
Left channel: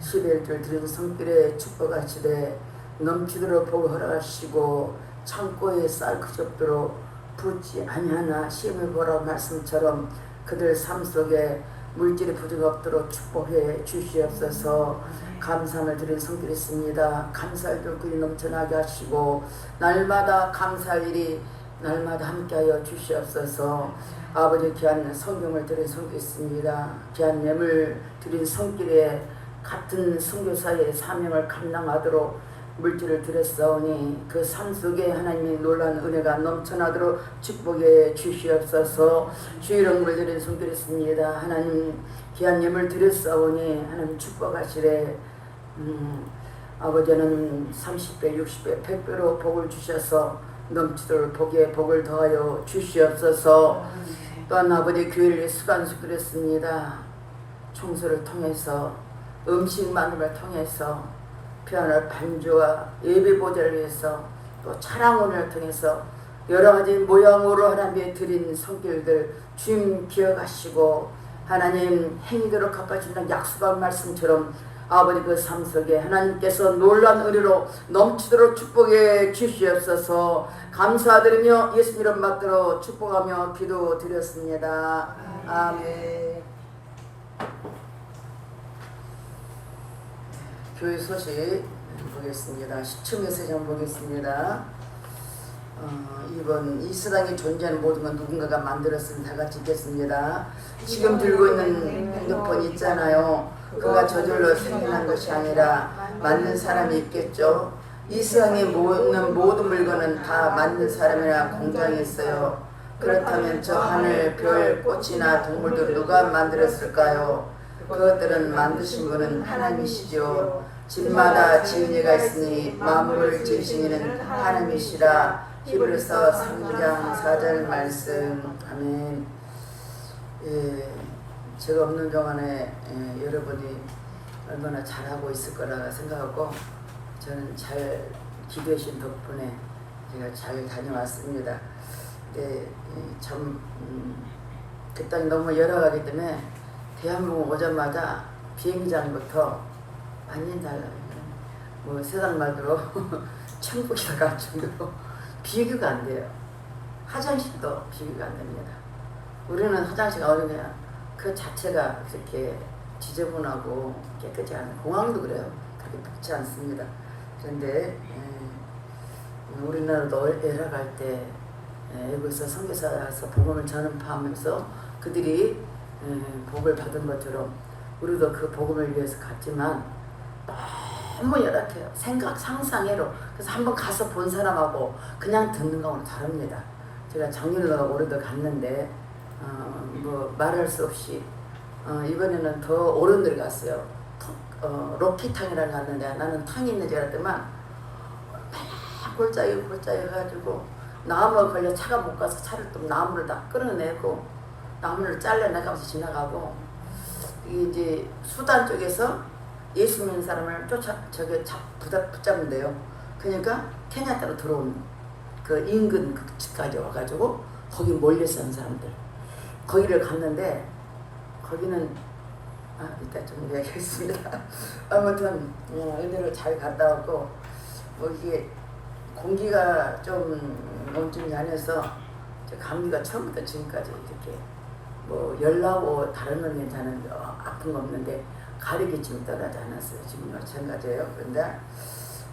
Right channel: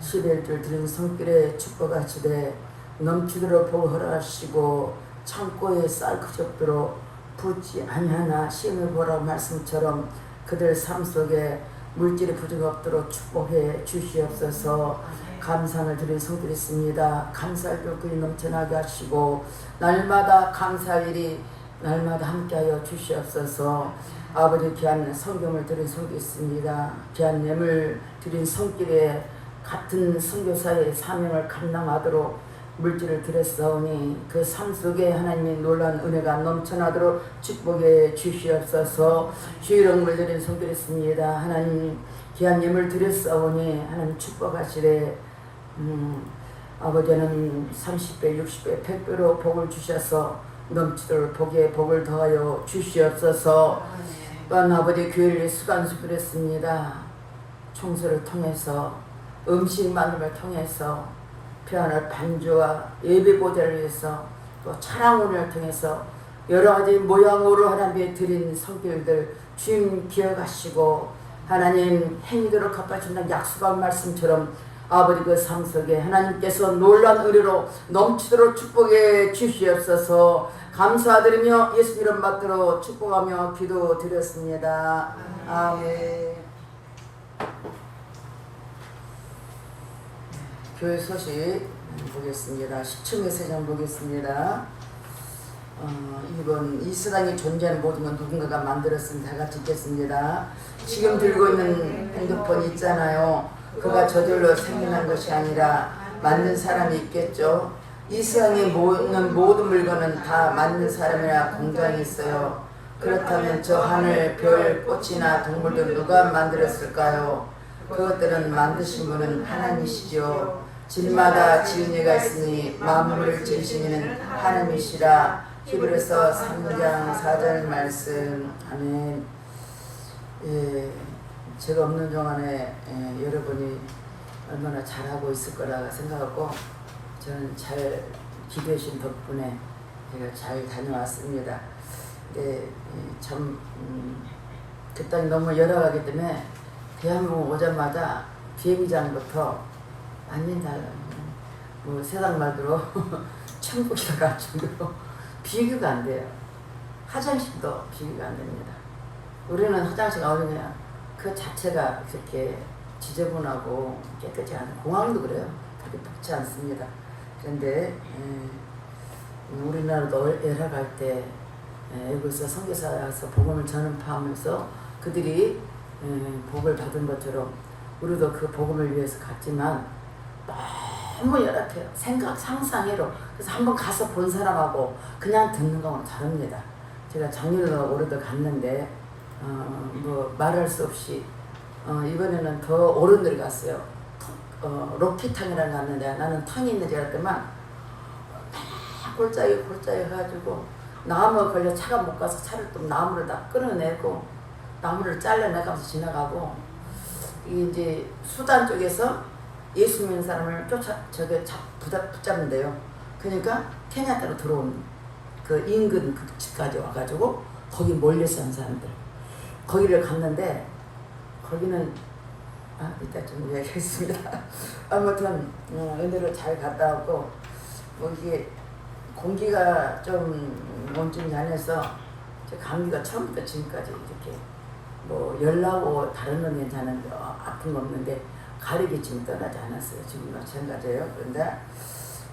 11줄 드린 손길에 축복하시되 넘치도록 복 허락하시고 창고에 쌀 그접도록 붓지 아니하나 시험을 보라 말씀처럼 그들 삶 속에 물질이 부족 없도록 축복해 주시옵소서. 감사를 드린 손길이 있습니다. 감사할 돌길이 넘쳐나게 하시고 날마다 감사일이 날마다 함께하여 주시옵소서. 아버지 귀한 성경을 드린 손길이 있습니다. 귀한 예물 드린 손길에 같은 선교사의 사명을 감당하도록 물질을 드렸사오니 그 삶 속에 하나님의 놀라운 은혜가 넘쳐나도록 축복해 주시옵소서. 주의 이름을 드린 손길이 있습니다. 하나님 귀한 예물 드렸사오니 하나님 축복하시래. 아버지는 30배 60배 100배로 복을 주셔서 넘치도록 복에 복을 더하여 주시옵소서. 또한 아버지 교회를 수간수그렸습니다. 청소를 통해서 음식 만듦을 통해서 피아노 반주와 예배 보좌를 위해서 또 찬양을 통해서 여러 가지 모양으로 하나님께 드린 손길들 주님 기억하시고 하나님 행위대로 갚아주는 약속한 말씀처럼 아버지 그 삶 속에 하나님께서 놀라운 은혜로 넘치도록 축복해 주시옵소서. 감사드리며 예수 이름 받들어 축복하며 기도드렸습니다. 아멘. 교회 소식 보겠습니다. 10층의 세상 보겠습니다. 이번 이 세상에 존재하는 모든 건 누군가가 만들었으면 다 같이 읽겠습니다. 지금 들고 있는 핸드폰 있잖아요. 그가 저절로 생겨난 것이 아니라 만든 사람이 있겠죠. 이 세상에 있는 모든 물건은 다 만든 사람이나 공장이 있어요. 그렇다면 저 하늘, 별, 꽃이나 동물들 누가 만들었을까요? 그것들은 만드신 분은 하나님이시죠. 질마다 지은 이가 있으니 만물을 지으신 이는 하나님이시라. 히브리서 3장 4절 말씀. 아멘. 예, 제가 없는 동안에 여러분이 얼마나 잘하고 있을 거라 생각하고 저는 잘 기도하신 덕분에 제가 잘 다녀왔습니다. 근데 참 그 땅이 너무 열악하기 때문에 대한민국 오자마자 비행장부터 완전 달라요. 뭐 세상 말대로 천국이라 가지고 비교가 안 돼요. 화장실도 비교가 안 됩니다. 우리는 화장실 어느 거야? 그 자체가 그렇게 지저분하고 깨끗이 않은 공항도 그래요. 그렇게 닦지 않습니다. 그런데 우리나라도 열악할 때 여기서 선교사에서 복음을 전파하면서 그들이 복을 받은 것처럼 우리도 그 복음을 위해서 갔지만 너무 열악해요. 생각 상상외로. 그래서 한번 가서 본 사람하고 그냥 듣는 거하고는 다릅니다. 제가 작년에 올해도 갔는데 뭐 말할 수 없이 이번에는 더 어른들 갔어요. 로키탕이라고 갔는데 나는 탕이 있는 줄 알았더만 골짜기 해가지고 나무에 걸려 차가 못 가서 차를 또 나무를 다 끌어내고 나무를 잘라내가면서 지나가고 이제 수단 쪽에서 예수 믿는 사람을 붙잡는데요. 그러니까 케냐타로 들어온 그 인근 그 집까지 와가지고 거기 몰려 사는 사람들 거기를 갔는데 거기는 이따 좀 이야기하겠습니다. 아무튼 은혜를 잘 갔다 왔고 이게 공기가 좀 몸집이 안해서 감기가 처음부터 지금까지 이렇게 뭐 열나고 다른 건 괜찮은데 아픈 거 없는데 가리기 지금 떠나지 않았어요. 지금 마찬가지예요. 그런데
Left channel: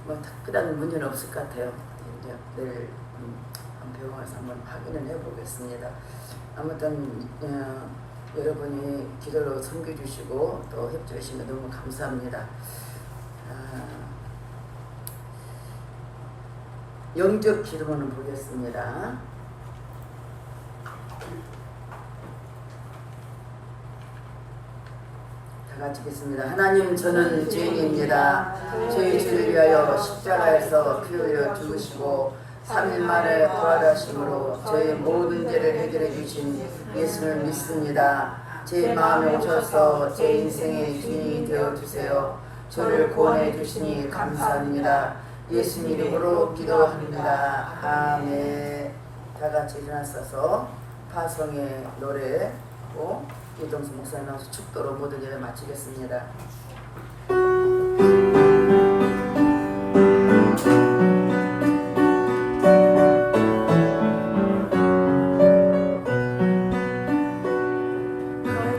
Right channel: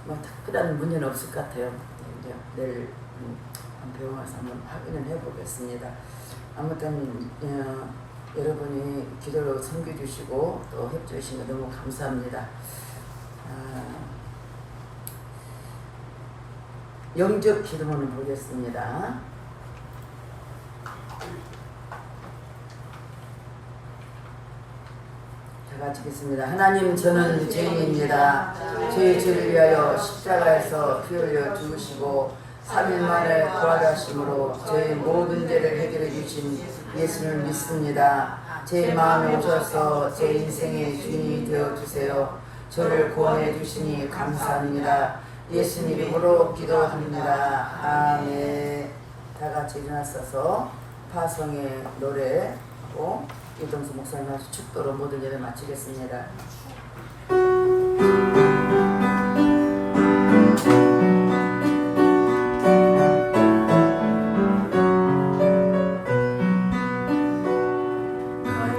뭐 특별한 문제는 없을 것 같아요. 이제 내일 병원 가서 한번 확인을 해보겠습니다. 아무튼 여러분이 기도로 섬겨주시고 또 협조해주시면 너무 감사합니다. 영적 기도문을 보겠습니다. 다 같이 읽겠습니다. 하나님, 저는 죄인입니다. 저희 죄를 위하여 십자가에서 피 흘려 죽으시고 3일 만에 부활하심으로 저희 모든 죄를 해결해 주신 예수를 믿습니다. 제 마음에 오셔서 제 인생의 주인이 되어주세요. 저를 구원해 주시니 감사합니다. 예수님 이름으로 기도합니다. 아멘. 다 같이 일어나서 파송의 노래하고 이정수 목사님 아주 축도로 모든 예를 마치겠습니다.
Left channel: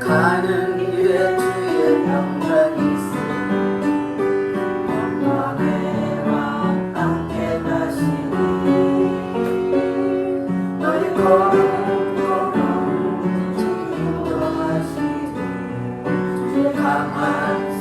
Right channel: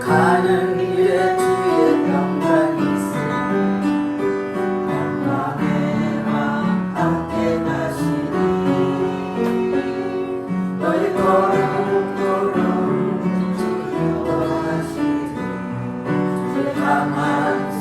가는 길에 주의 평강이 걸음 지켜하시니 가만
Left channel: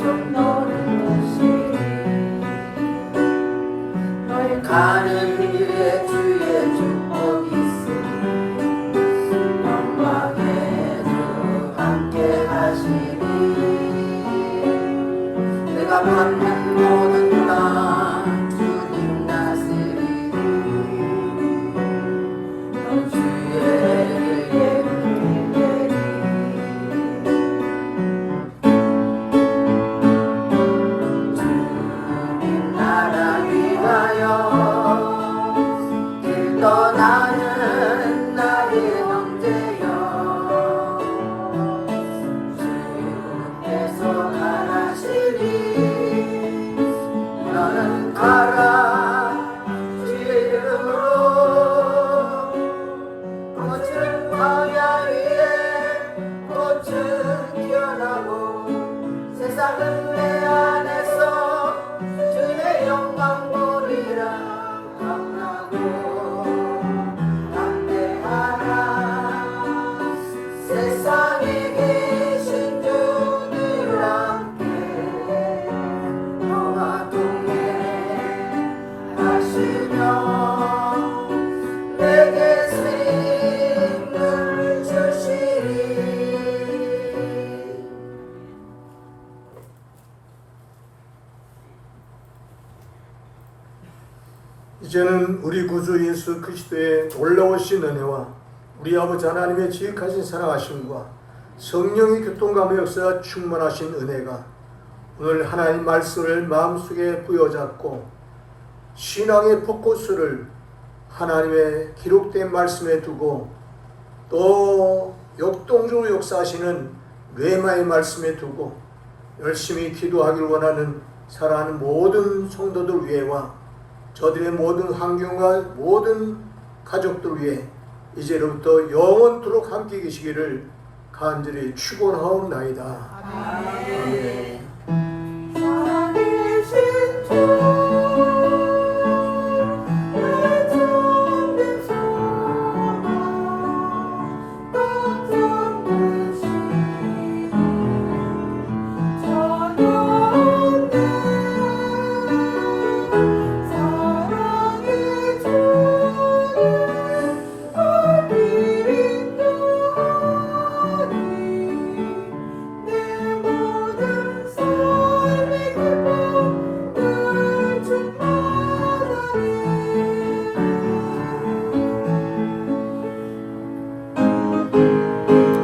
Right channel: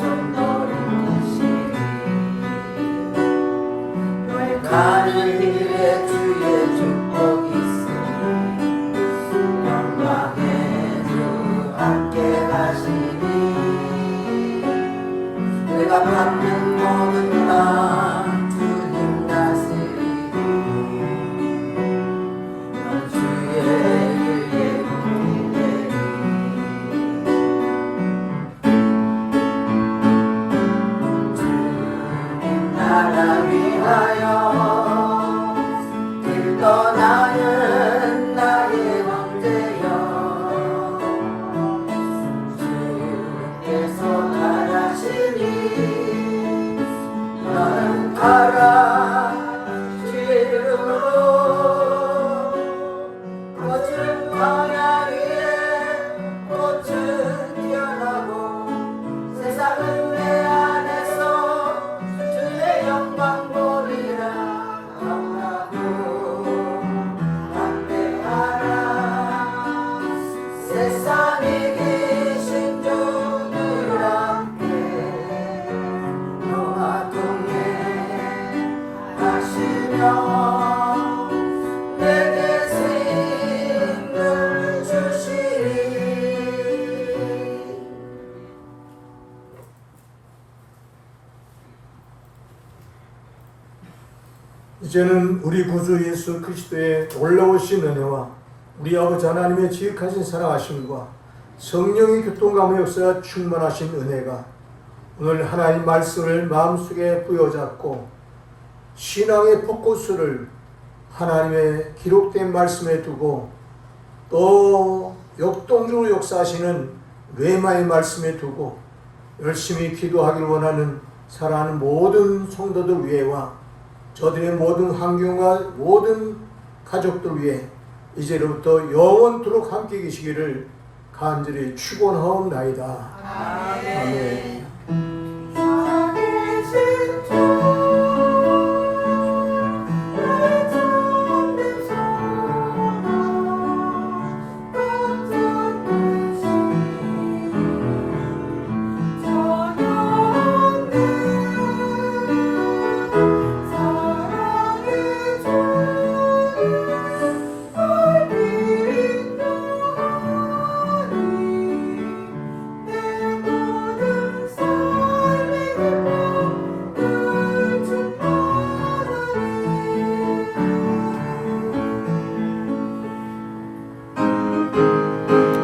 이제는 우리 구주 예수 그리스도의 올라오신 은혜와 우리 아버지 하나님의 지극하신 사랑하심과 성령의 교통감의 역사가 충만하신 은혜가 오늘 하나님 말씀을 마음속에 부여잡고 신앙의 포커스를 하나님의 기록된 말씀에 두고 또 역동적으로 역사하시는 뇌마의 말씀에 두고 열심히 기도하기를 원하는 사랑하는 모든 성도들 위해와 저들의 모든 환경과 모든 가족들 위해 이제로부터 영원토록 함께 계시기를 간절히 축원하옵나이다. 아멘.